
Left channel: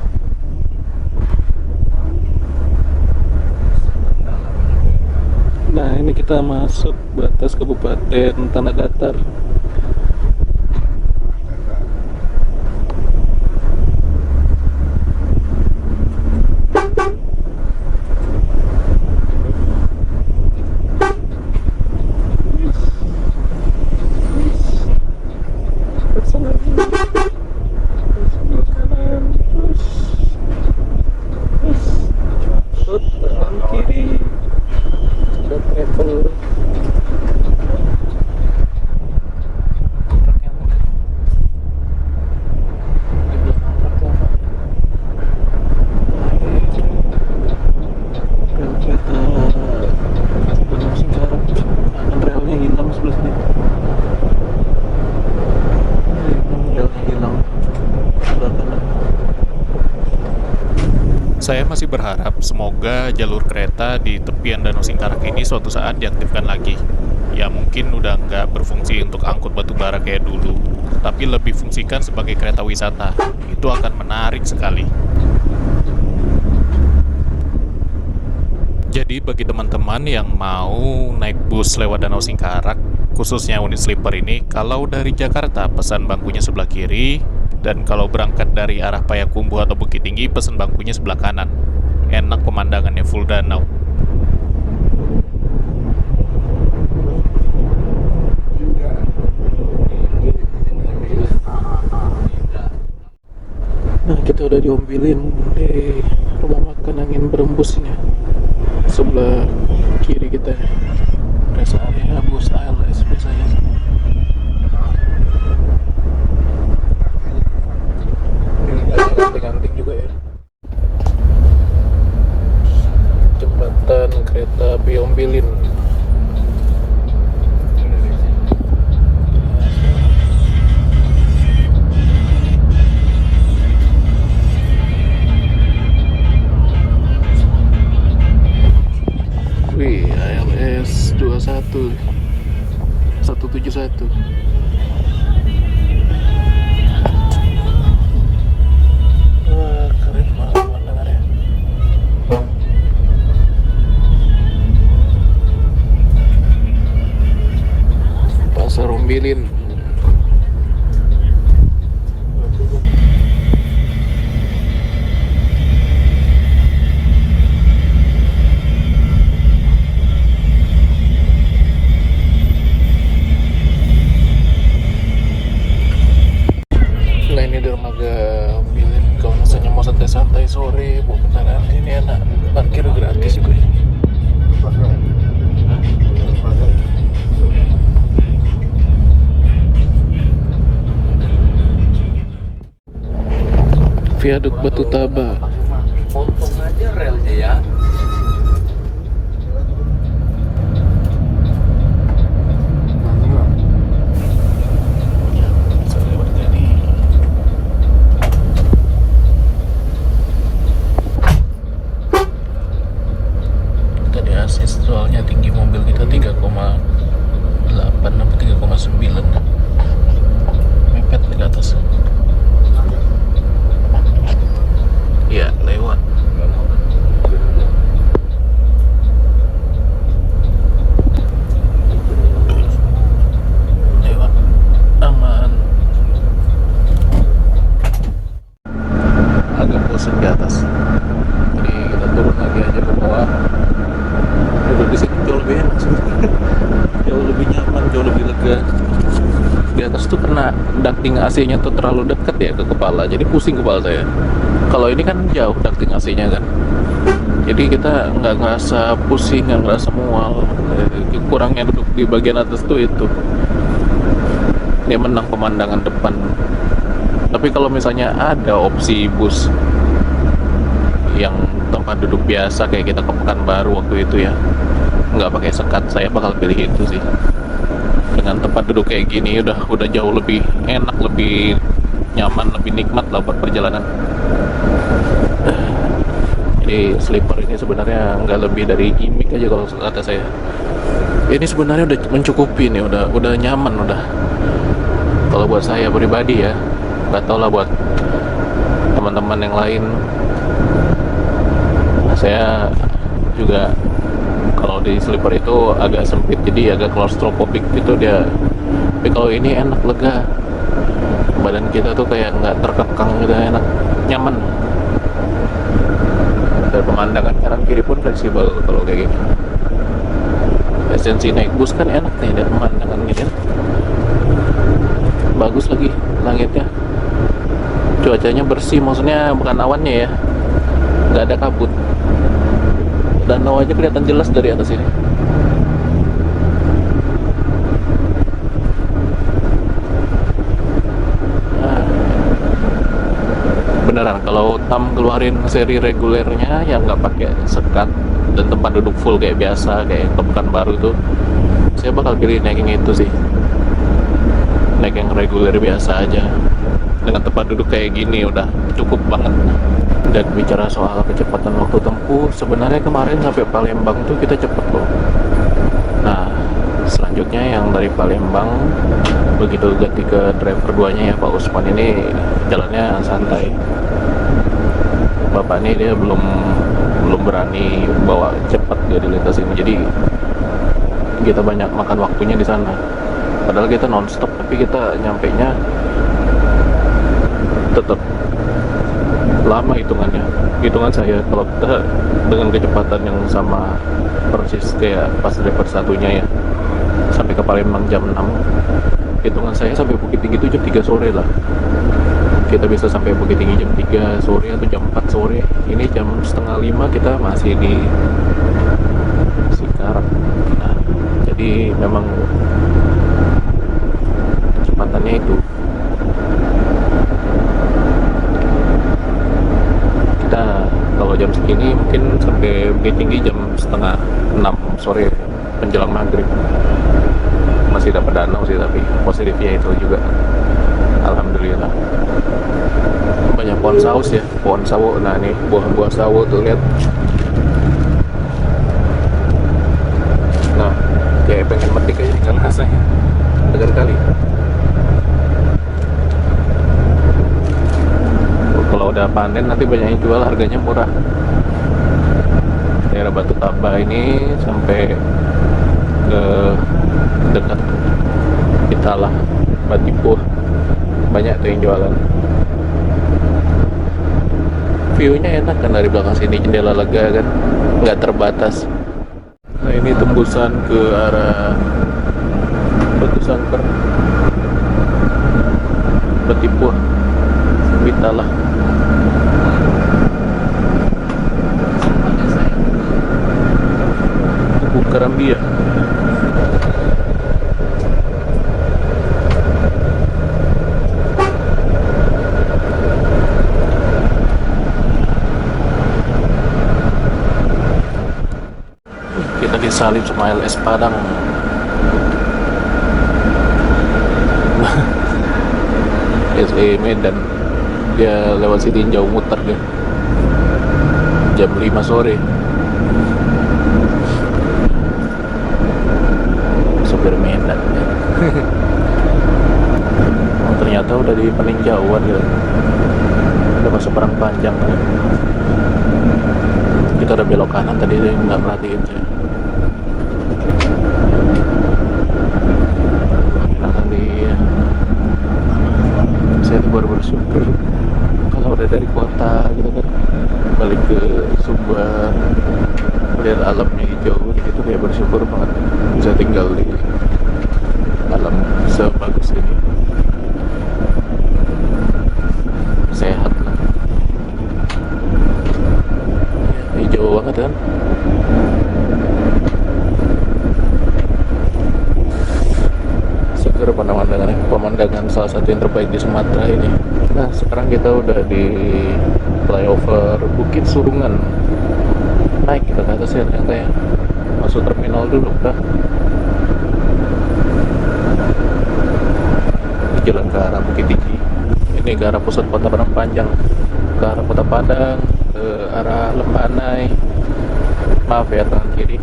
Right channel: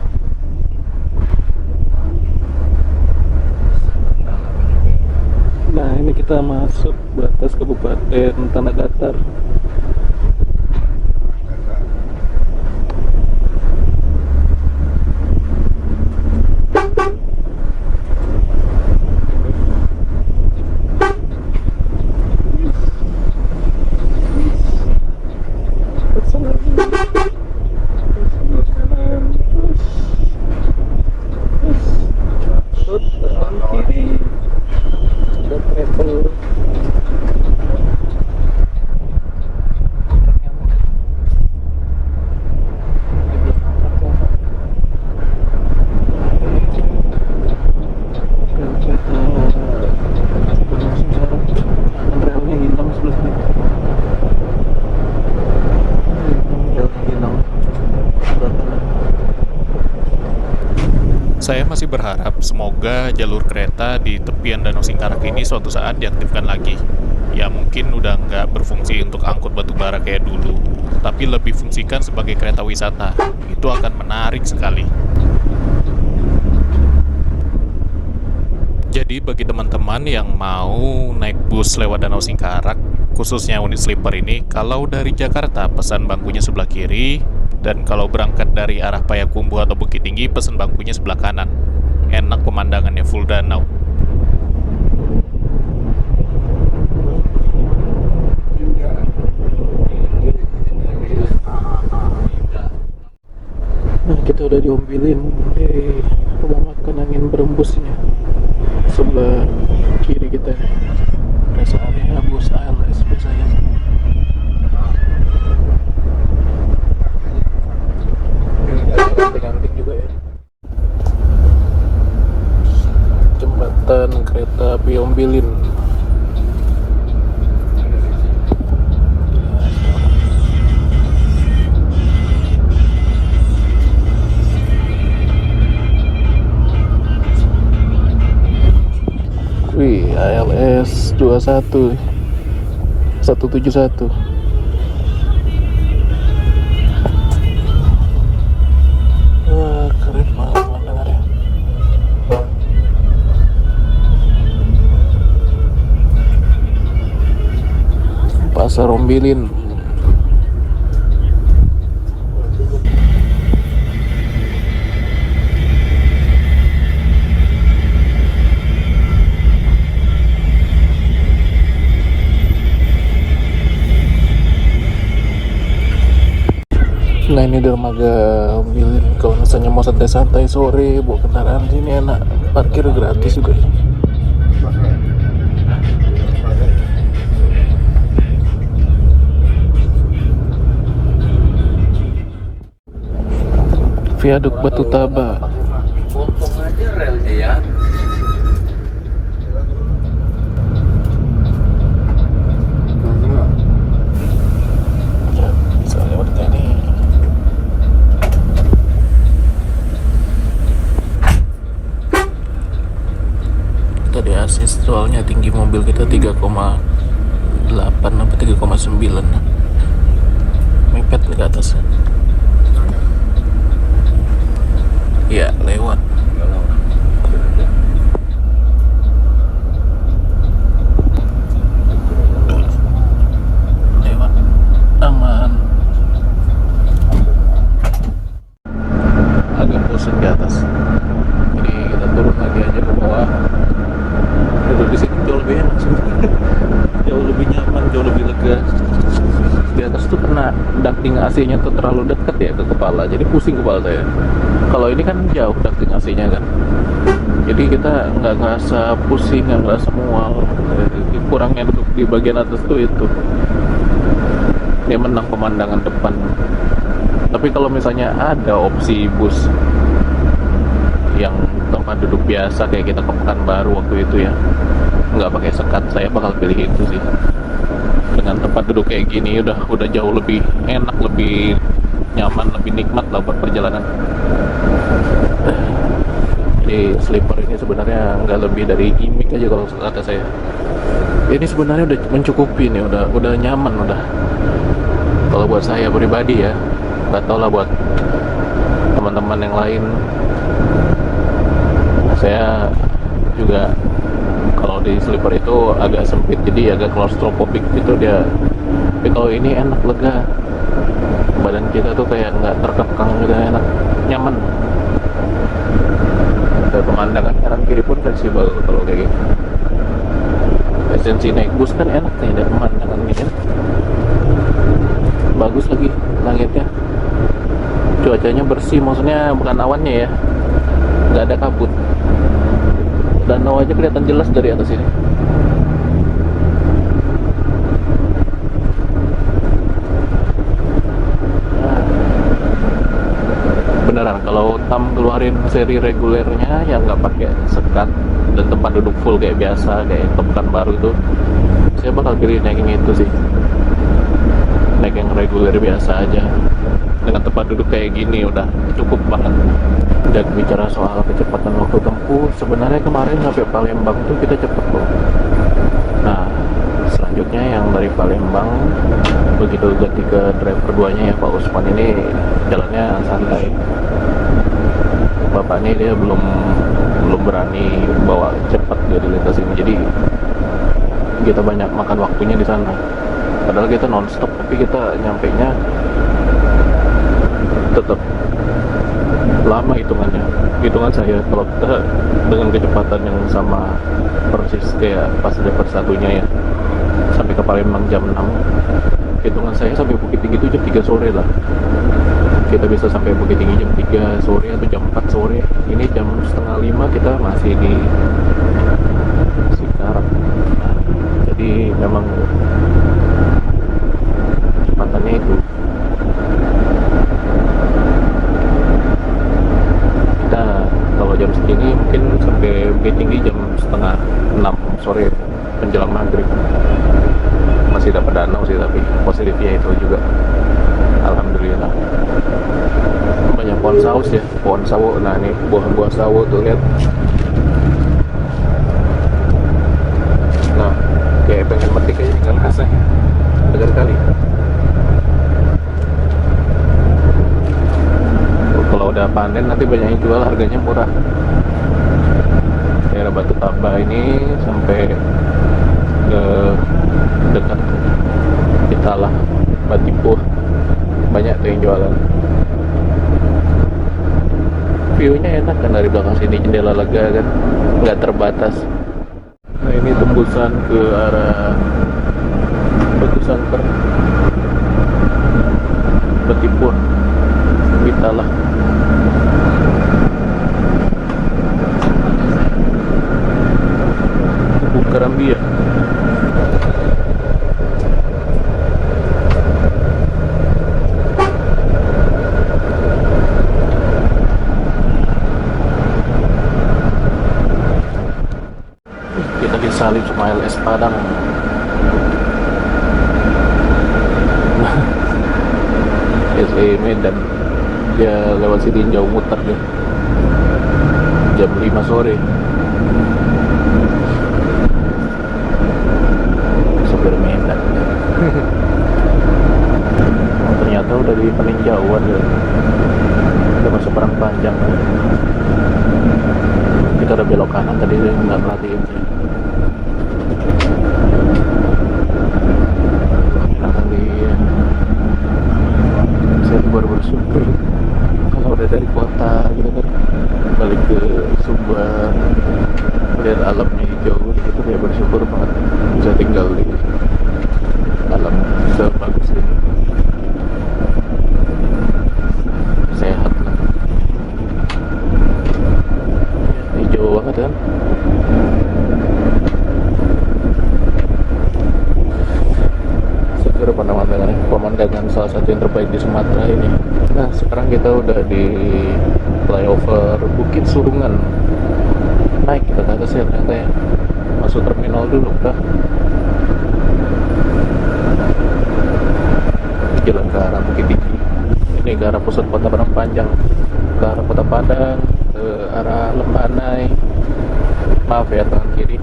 Nah ini kita masuk batas Kabupaten Tanah Datar. Kanan kiri ada travel. Saya masih berharap semoga jalur kereta di tepian Danau Singkarak ini suatu saat diaktifkan lagi. Ya mungkin udah nggak berfungsi untuk angkut batu bara kayak dulu, tapi lebih fungsikan sebagai kereta wisata. Itu akan menarik sekali. Jadi bagi teman-teman yang mau naik bus lewat Danau Singkarak, khususnya unit sleeper ini, kalau dari Jakarta pesan bangkunya sebelah kiri, dan kalau berangkat dari arah Payakumbuh atau Bukit Tinggi pesan bangkunya sebelah kanan. Enak pemandangannya, full danau. Nah kita udah diombilin di rumah makan angin berembusnya. Sebelah kiri kita rest area bus ALS biasanya. Ganting-ganting juga ya. Jembatan kereta api Ombilin. Wih, ALS 21 171. Wah, keren banget pemandangannya. Pasar Ombilin. Nah ini dermaga Ombilin. Kalau misalnya mau santai-santai sore bawa kendaraan sini enak, parkir gratis juga. Viaduk Batu Taba. Potong aja relnya ya. Tadi assist soalnya tinggi mobil kita 3,6 8 apa 3,9. Mepet nih ke atas. Ya, lewat. Lewat. Aman. Agak bosan di atas. Jadi kita turun lagi aja ke bawah. Duduk di sini jauh lebih enak sih. Jauh lebih nyaman, jauh lebih lega. Di atas tuh kena ducting AC-nya tuh terlalu dekat ya ke kepala, jadi pusing kepala saya. Kalau ini kan jauh ducting AC-nya kan, jadi kita nggak ngerasa pusing, nggak ngerasa mual. Kurangnya duduk di bagian atas tuh itu. Dia menang pemandangan depan. Tapi kalau misalnya ada opsi bus yang tempat duduk biasa kayak kita ke Pekanbaru waktu itu ya, nggak pakai sekat, saya bakal pilih itu sih. Dengan tempat duduk kayak gini udah jauh lebih enak, lebih nyaman, lebih nikmat lah buat perjalanan. Jadi sleeper ini sebenarnya nggak lebih dari gimmick aja kalau kata saya. Ini sebenarnya udah mencukupi nih, udah nyaman udah. Kalau buat saya pribadi ya, nggak tau lah buat teman-teman yang lain. Saya juga kalau di sleeper itu agak sempit, jadi agak claustrophobic gitu dia. Tapi kalau ini enak, lega, badan kita tuh kayak nggak terkekang gitu, enak, nyaman. Dan pemandangan kanan kiri pun fleksibel kalau kayak gini. Esensi naik bus kan enak nih, ada pemandangan gini. Bagus lagi langitnya, cuacanya bersih, maksudnya bukan awannya ya, nggak ada kabut. Danau aja kelihatan jelas dari atas ini. Beneran kalau Tam keluarin seri regulernya yang nggak pakai sekat dan tempat duduk full kayak biasa kayak Pekanbaru tuh, saya bakal pilih naik yang itu sih. Naik yang reguler biasa aja dengan tempat duduk kayak gini udah cukup banget. Dan bicara soal kecepatan waktu tempuh, sebenarnya kemarin sampai Palembang tuh kita cepet loh. Nah, selanjutnya yang dari Palembang begitu ganti ke driver duanya ya Pak Usman, ini jalannya santai. Bapak ini dia belum berani bawa cepat dia di lintas ini, jadi kita banyak makan waktunya di sana. Padahal kita nonstop, tapi kita nyampenya tetap lama hitungan saya. Kalau kita dengan kecepatan yang sama persis kayak pas driver satunya ya, sampai ke Palembang jam 6, hitungan saya sampai Bukit Tinggi itu jam 3 sore lah. Kita bisa sampai Bukit Tinggi jam 3 sore atau jam 4 sore. Ini jam setengah 5 kita masih di Cikarang. Nah, jadi memang kecepatannya itu. Jam segini mungkin sampai Bukit Tinggi jam setengah 6 sore menjelang maghrib. Masih dapat danau sih, tapi positifnya itu juga alhamdulillah. Banyak pohon saus ya, pohon sawo. Nah nih buah-buah sawo tuh, lihat. Nah kayak pengen metik aja tinggal rasanya, degan kali. Kalau udah panen nanti banyak yang jual, harganya murah. Daerah Batu Taba ini sampai ke dekat Italah, Batipuh, banyak tuh yang jualan. View-nya enak kan dari belakang sini, jendela lega kan, nggak terbatas. Nah ini tembusan ke arah Batu Sangkar, Batipuh, Italah. Karambia. Kita disalib sama LS Padang. SE Medan. Dia lewat sini jauh muter dia. Jam 5 sore. Medan. belok kanan tadi saya nggak perhatiin saya. Kehilangan dia. Saya tuh baru bersyukur kalau udah dari kota gitu kan, balik ke Sumbar, lihat alamnya hijau gitu, kayak bersyukur banget bisa tinggal di alam sebagus ini. Sehat lah ya, hijau banget kan. Seger pemandangan salah satu yang terbaik di Sumatera ini. Nah sekarang kita udah di flyover Bukit Surungan, naik kita ke atas ya ternyata ya, masuk terminal dulu dah. Jalan ke arah Bukit Tinggi, ini ke arah pusat kota Padang Panjang, ke arah Kota Padang, ke arah Lembanai. Maaf ya tangan kiri.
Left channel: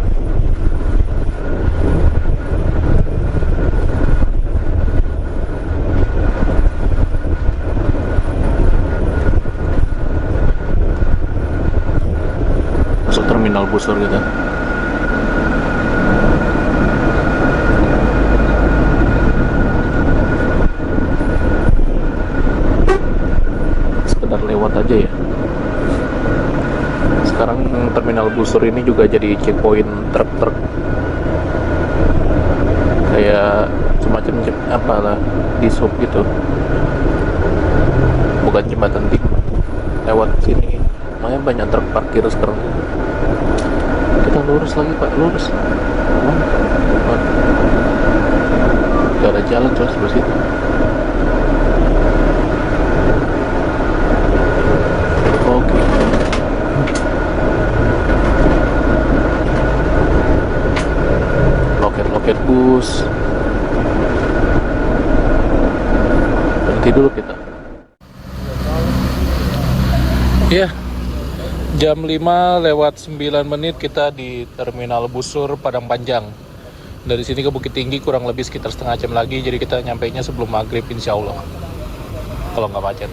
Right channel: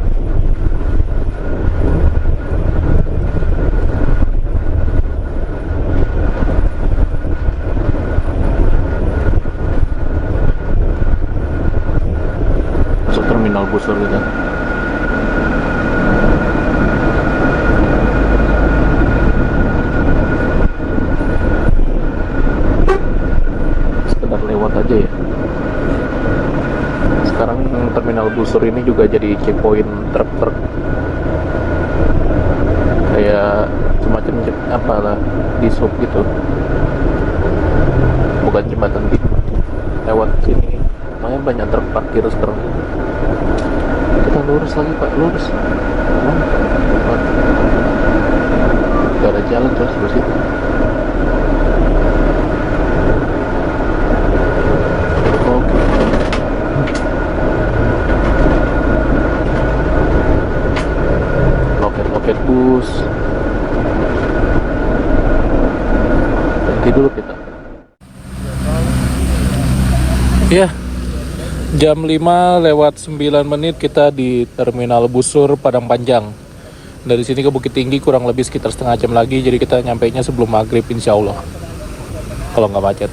Masuk terminal busur gitu. Lewat aja ya. Sekarang terminal busur ini juga jadi checkpoint truk-truk, kayak semacam apalah di sub gitu, bukan jembatan tim. Lewat sini makanya banyak truk parkir sekarang. Kita lurus lagi pak, lurus. Gak ada jalan terus sebelah situ. Loket bus. Berhenti dulu kita. Ya, jam 5:09 kita di Terminal Busur Padang Panjang. Dari sini ke Bukit Tinggi kurang lebih sekitar setengah jam lagi, jadi kita nyampainya sebelum maghrib insya Allah. Kalau nggak macet.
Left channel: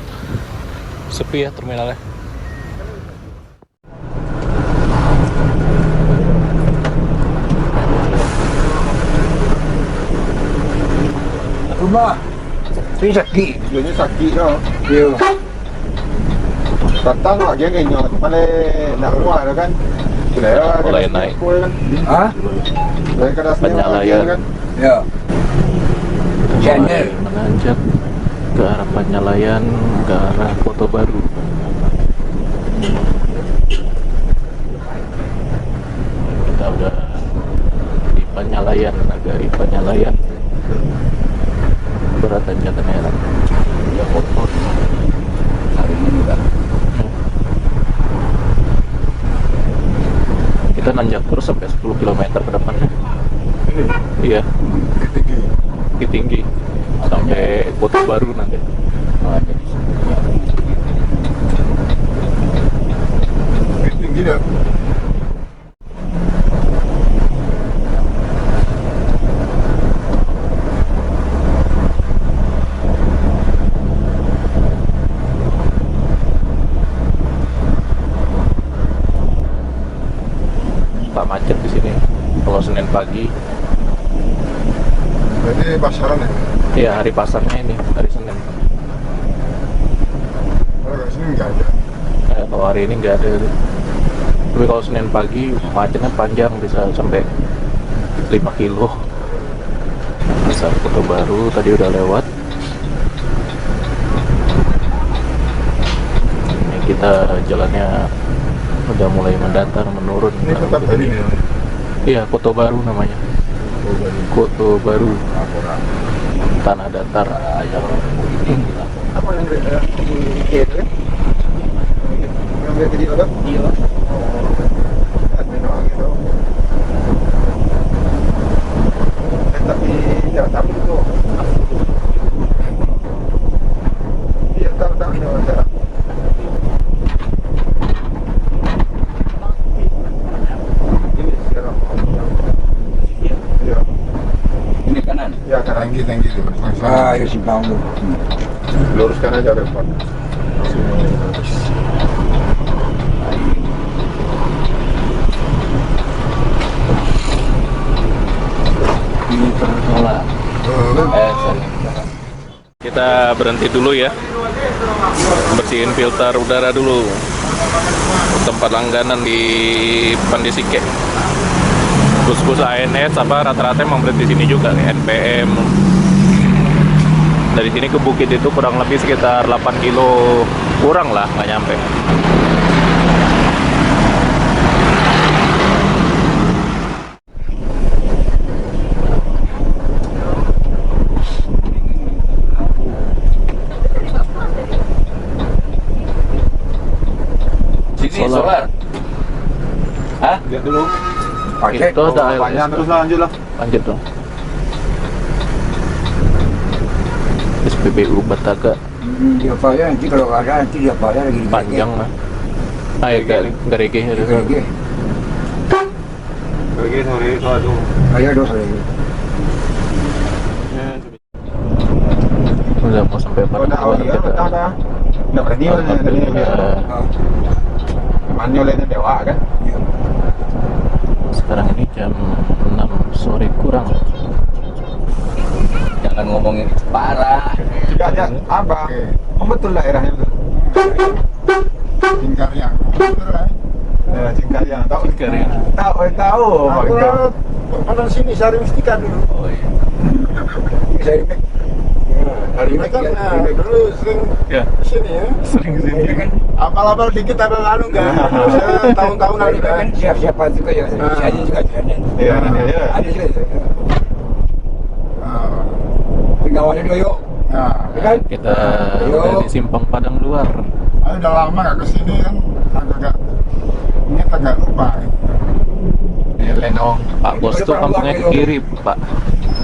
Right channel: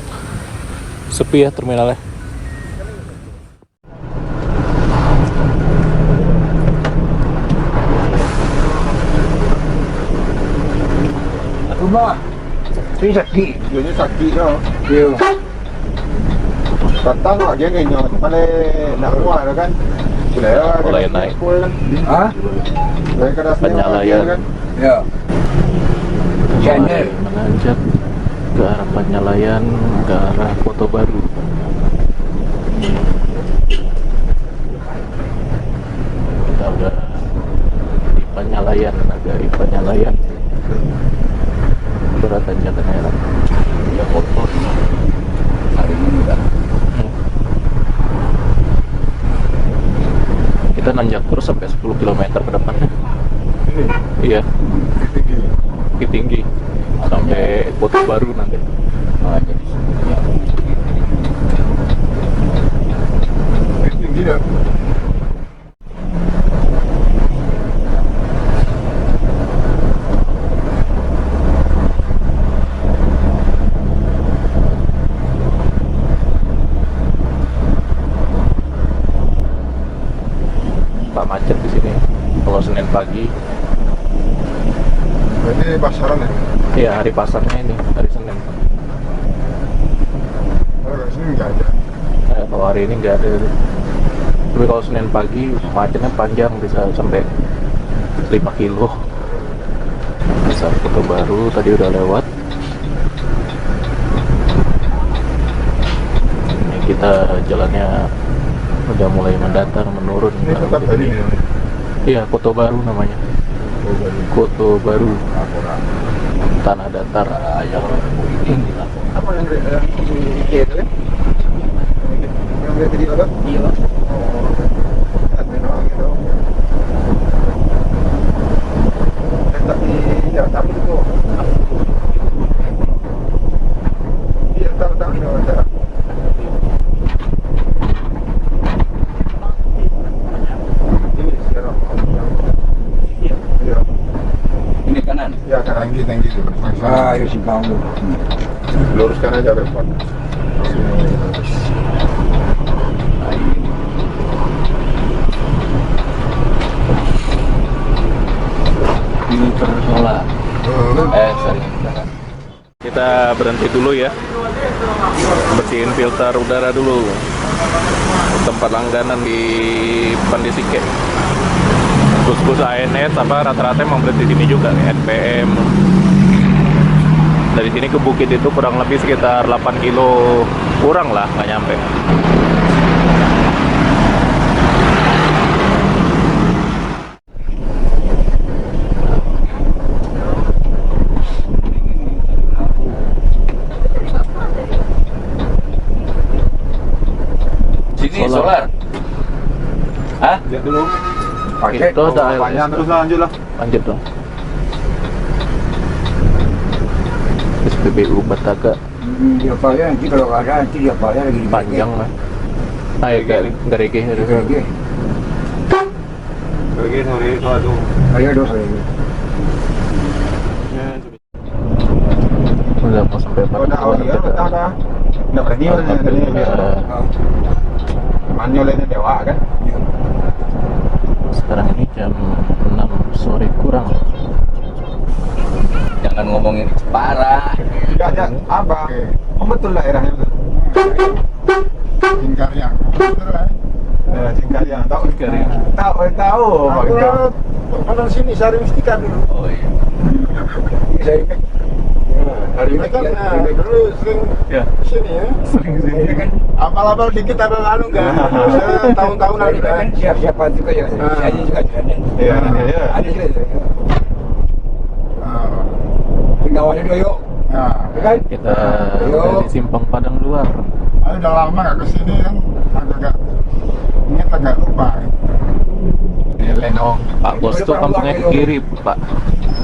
Sepi ya terminalnya. Ini sakit. Dia ni sakit tau. Ya. Datang nak dia kenyang, mana nak muat dah kan. Mulai naik. Ha? Dari keras ni Penyalayan. kan. Ya. Mulai menanjak ke arah Penyalayan, ke arah Kota Baru. Kita udah di Penyalayan, agak di Penyalayan. Berat tanjakan heran. Ya kotor. Hari ini enggak. Kita nanjak terus sampai 10 km ke depannya. Ini. Iya, Tinggi. Bukit Tinggi sampai Kota Baru nanti. Hanya di sini. Tinggi dah. Macet di sini kalau Senin pagi. Ini pasaran ya. Iya, hari pasarnya ini, hari Senin. Kalau kat sini enggak ada. Kalau hari ini nggak ada. Tapi kalau Senin pagi macetnya panjang, bisa sampai 5 kilo. Pasar Kota Baru tadi udah lewat. Ini kita jalannya udah mulai mendatar, menurun. Ini tempat baru ni. Iya, Kota Baru namanya. Kota Baru. Tanah datar. Apa yang dia tu kan? Yang dia video tu? Iya. Ada orang gitu. Tapi jangan tahu itu. Iya, tahu itu ada. Ini sekarang. Iya. Ini kanan. Ya, kanan tinggi tu. Ah, ya simpang tu. Luruskan aja ke depan. Sini lurus. kita berhenti dulu ya. Bersihin filter udara dulu. Tempat langganan di Pandisike. Bus-bus ANS apa rata-rata emang berhenti sini juga nih, NPM. Dari sini ke bukit itu kurang lebih sekitar 8 kilo kurang lah, nggak nyampe. Sini sholat. Hah? Lihat dulu. Itu ada Banyak terus lanjut lah. lanjut dong. SPBU Bataga Dia bayar nanti kalau ada nanti dia bayar lagi di panjang lah. Ayo garege ada. Lagi. Pergi sore itu aduh. Ayo dosa lagi. Udah mau sampai Kau dah awal Padang. ya, betul dah. Nak berani lah tadi dia. Manyo lain dewa kan. Sekarang ini jam 6 sore kurang. Jangan ngomongin Jepara. Tidak ada apa. Membetul lah daerahnya betul. Tinggal yang betul lah. Cingkariang tahu. Cingkariang. Tahu. Aku kalau sini Sari Mustika dulu. Oh iya. Ini saya rindu. Hari ini kan dulu sering Ya, sini ya. sering kesini. kan Apal-apal dikit ada anu kan. Tahun-tahunan kita kan siapa juga ya. Saya juga jalan. Iya, iya. Ada juga. Tinggal ada dua yuk. Nah, Kan? Kita udah di Simpang Padang Luar. aku udah lama gak kesini kan. Agak ingat agak lupa. Lenong. Pak Bos tuh kampungnya ke kiri, Pak.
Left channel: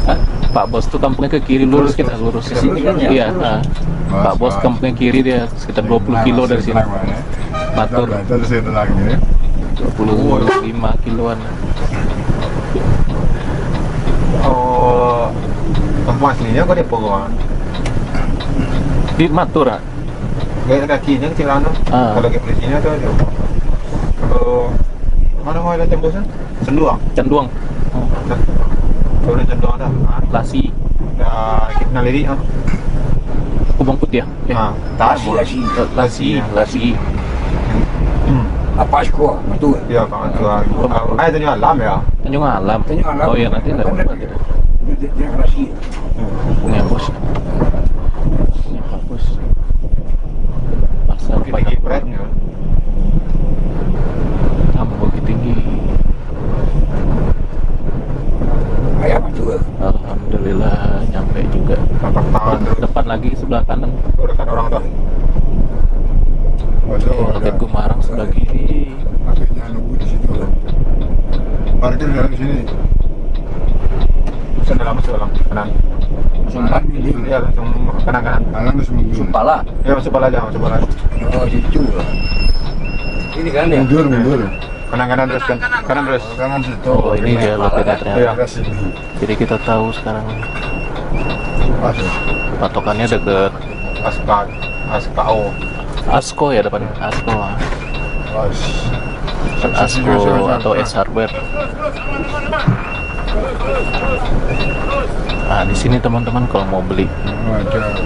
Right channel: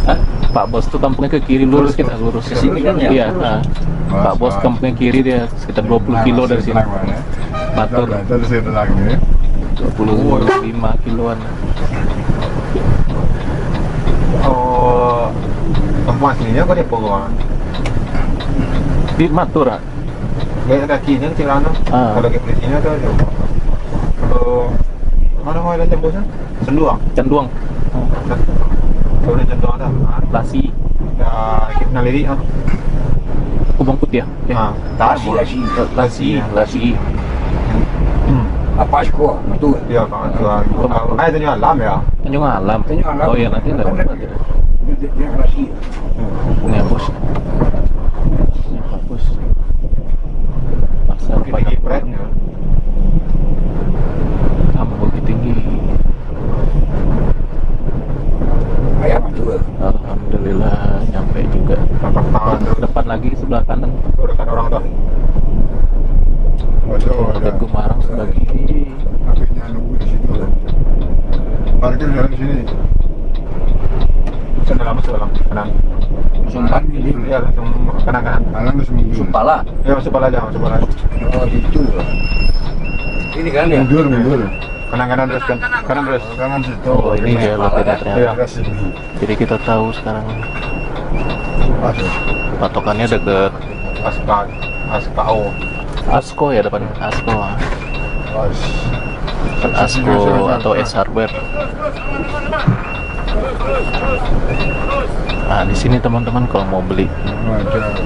Hah? Pak Bos tuh kampungnya ke kiri, lurus kita lurus. Ke sini kan ya? Iya, nah. Pak Bos kampungnya kiri dia sekitar 20 kilo dari sini. Batur Terus itu lagi. 25 kiloan. Oh, tempat aslinya kau di Purwa. Di Matura. Kayak kakinya kecil anak. Ah. Kalau kayak polisinya tuh ada. Kalau mana mau ada jembusnya? Senduang. Canduang, Kalau ada cenduang ada. Lasi, Kita naliri ah. Kubang Putih ya? Tasi. Lasi. Apa sih kok? Betul. Ya kan tu. Ada tu alam ya. Tanjung Alam. Tanjung Alam. Oh iya, nanti lewat lagi. Dia kasih. Punya bos. Ini hapus. Pasar Tinggi Padang pret. Kampung Bukit Tinggi. Ayam betul. Alhamdulillah nyampe juga. Tapak tahun terus. Depan lagi sebelah kanan. Tuh dekat orang tu. Waduh, Roket Gumarang sebelah kiri. akhirnya nunggu di situ. Parkir dalam sini. Masuk dalam kanan. Sumpan ini. Ya langsung kanan. Malam terus mundur. Sumpala. Ya masuk pala aja, masuk pala. Oh, situ. Ini kan ya. Mundur. Kanan terus kan. Kanan terus. Kanan situ. Oh ini dia loketnya ternyata. Daerah sini. Jadi kita tahu sekarang Aduh. patokannya deket Aspao. Asko ya, depan Asko. Was. Depan Asko atau S Hardware. Nah di sini teman-teman kalau mau beli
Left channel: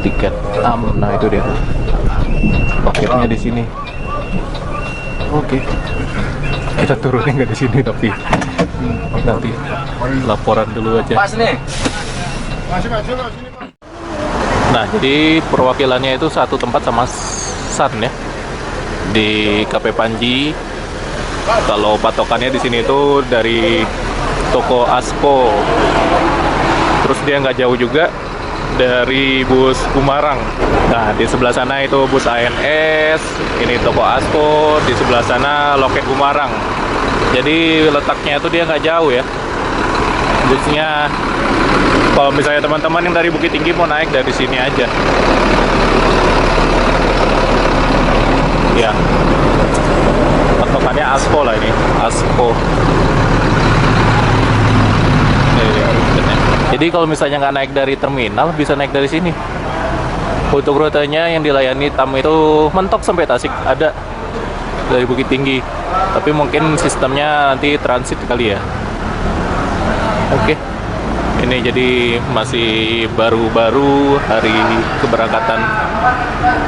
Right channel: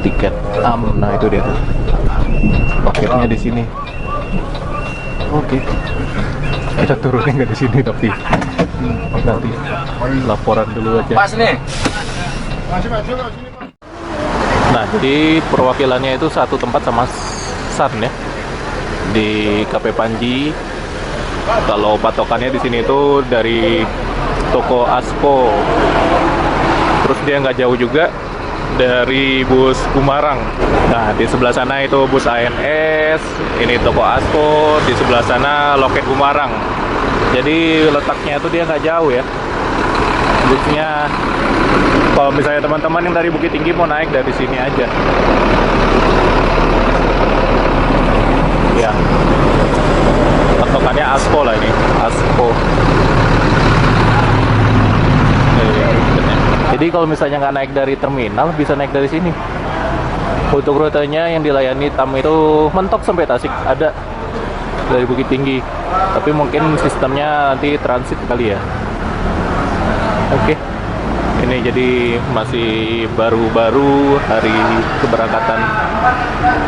tiket nah itu dia tuh loketnya di sini. Oke, kita turunin nggak di sini tapi nanti laporan dulu aja. Pas nih. Masih sini. Nah jadi perwakilannya itu satu tempat sama San ya di KP Panji. Kalau patokannya di sini itu dari toko Asko. Terus dia nggak jauh juga dari bus Gumarang. Nah di sebelah sana itu bus ANS, ini toko Asko, di sebelah sana loket Gumarang. Jadi letaknya itu dia nggak jauh ya. Busnya kalau misalnya teman-teman yang dari Bukit Tinggi mau naik dari sini aja. Ya, patokannya Asko lah ini, Asko. Jadi kalau misalnya nggak naik dari terminal, bisa naik dari sini. Untuk rutenya yang dilayani TAM itu mentok sampai Tasik, ada dari Bukit Tinggi. Tapi mungkin sistemnya nanti transit kali ya. Oke. Ini jadi masih baru-baru hari keberangkatan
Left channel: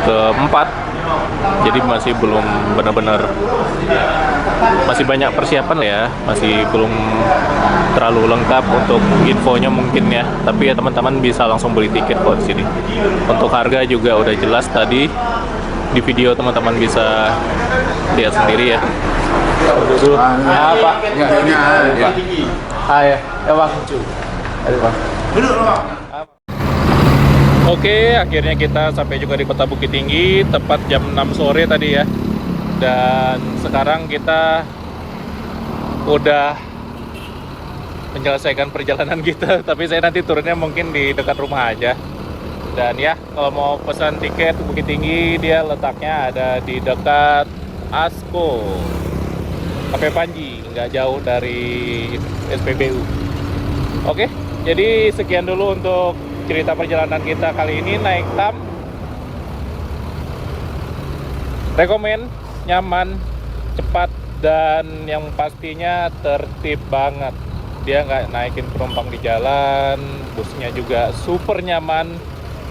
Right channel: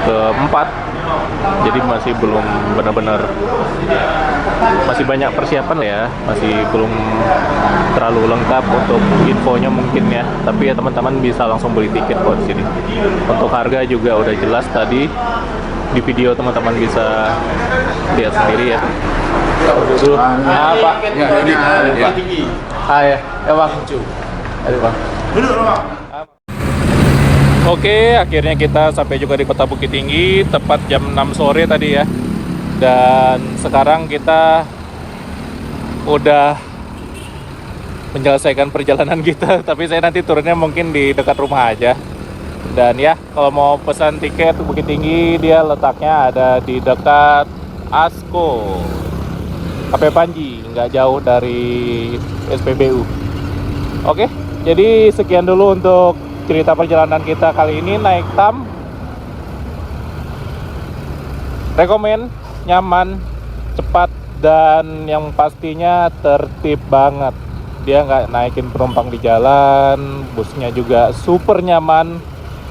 keempat, jadi masih belum benar-benar, masih banyak persiapan ya, masih belum terlalu lengkap untuk infonya mungkin ya. Tapi ya teman-teman bisa langsung beli tiket kok di sini. Untuk harga juga udah jelas tadi di video, teman-teman bisa lihat sendiri ya. Dulu apa? Ya, ini ya. Hai ya bang. Aduh bang. Oke, akhirnya kita sampai juga di Kota Bukit Tinggi tepat jam 6 sore tadi ya. Dan sekarang kita udah menyelesaikan perjalanan kita, tapi saya nanti turunnya mungkin di dekat rumah aja. Dan ya, kalau mau pesan tiket Bukit Tinggi, dia letaknya ada di dekat Asko KP Panji, nggak jauh dari SPBU. Oke, jadi sekian dulu untuk cerita perjalanan kita kali ini naik TAM. Rekomen, nyaman, cepat, dan yang pastinya tertib banget. Dia nggak naikin penumpang di jalan, busnya juga super nyaman,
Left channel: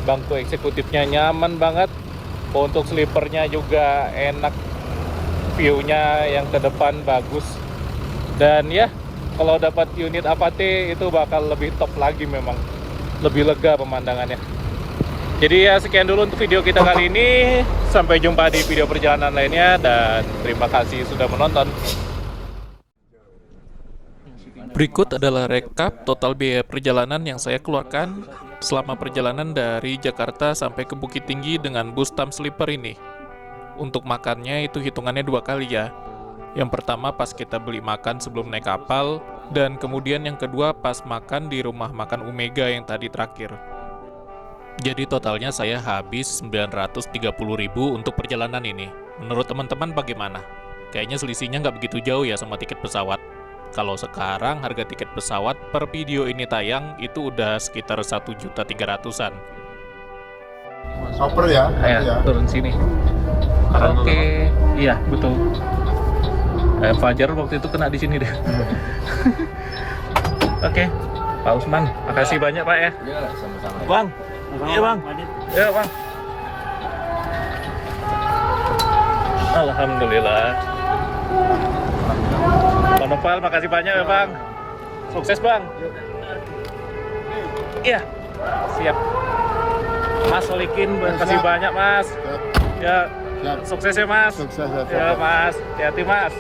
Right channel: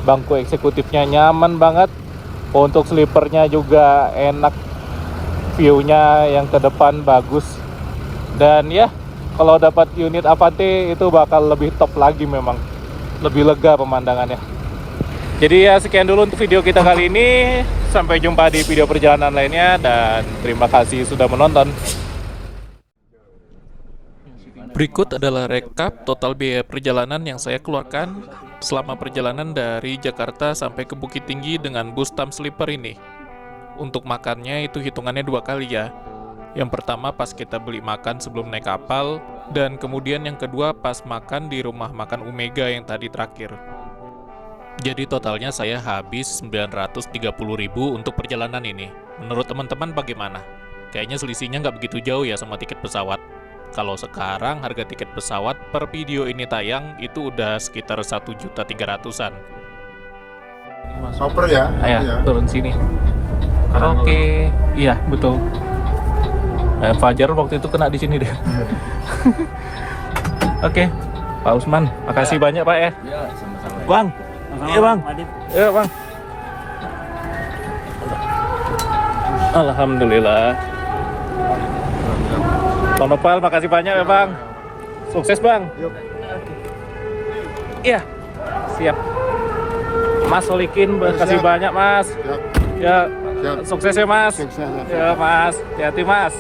bangku eksekutifnya nyaman banget, untuk sleepernya juga enak, view-nya yang ke depan bagus. Dan ya, kalau dapat unit Avate itu bakal lebih top lagi, memang lebih lega pemandangannya. Jadi ya, sekian dulu untuk video kita kali ini. Sampai jumpa di video perjalanan lainnya, dan terima kasih sudah menonton. Berikut adalah rekap total biaya perjalanan yang saya keluarkan selama perjalanan dari Jakarta sampai ke Bukit Tinggi dengan bus TAM Sleeper ini. Untuk makannya itu hitungannya 2 kali ya. Yang pertama pas kita beli makan sebelum naik kapal, dan kemudian yang kedua pas makan di rumah makan Omega yang tadi terakhir. Jadi totalnya saya habis 930.000 untuk perjalanan ini. Menurut teman-teman bagaimana? Kayaknya selisihnya nggak begitu jauh ya sama tiket pesawat. Kalau sekarang harga tiket pesawat per video ini tayang itu udah sekitar 1.300.000-an. Oper ya. Ayo, turun sini. Oke, iya betul. Fajar waktu itu kena di sini deh. Oke, Pak Usman, makasih banyak Pak ya. Ya, sama-sama. Bang, iya bang, iya bang. Alhamdulillah. Bang Nopal, makasih banyak ya bang. Sukses bang. Iya, siap. Mas Solikin, makasih Siap. banyak mas. Siap. Ya, Siap. sukses ya mas. Sukses ya. Ya mas, hati-hati mas.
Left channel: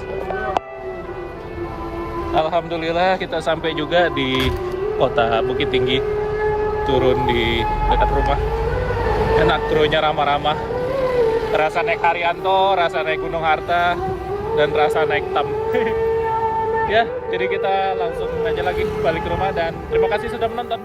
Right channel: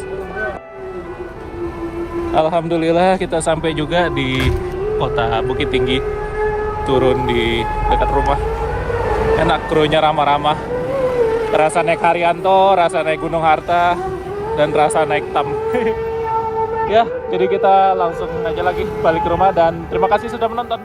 Alhamdulillah kita sampai juga di Kota Bukit Tinggi. Turun di dekat rumah. Enak, krunya ramah-ramah. Rasa naik Haryanto, rasa naik Gunung Harta, dan rasa naik TAM. Ya, jadi kita langsung aja lagi balik ke rumah, dan terima kasih sudah menonton.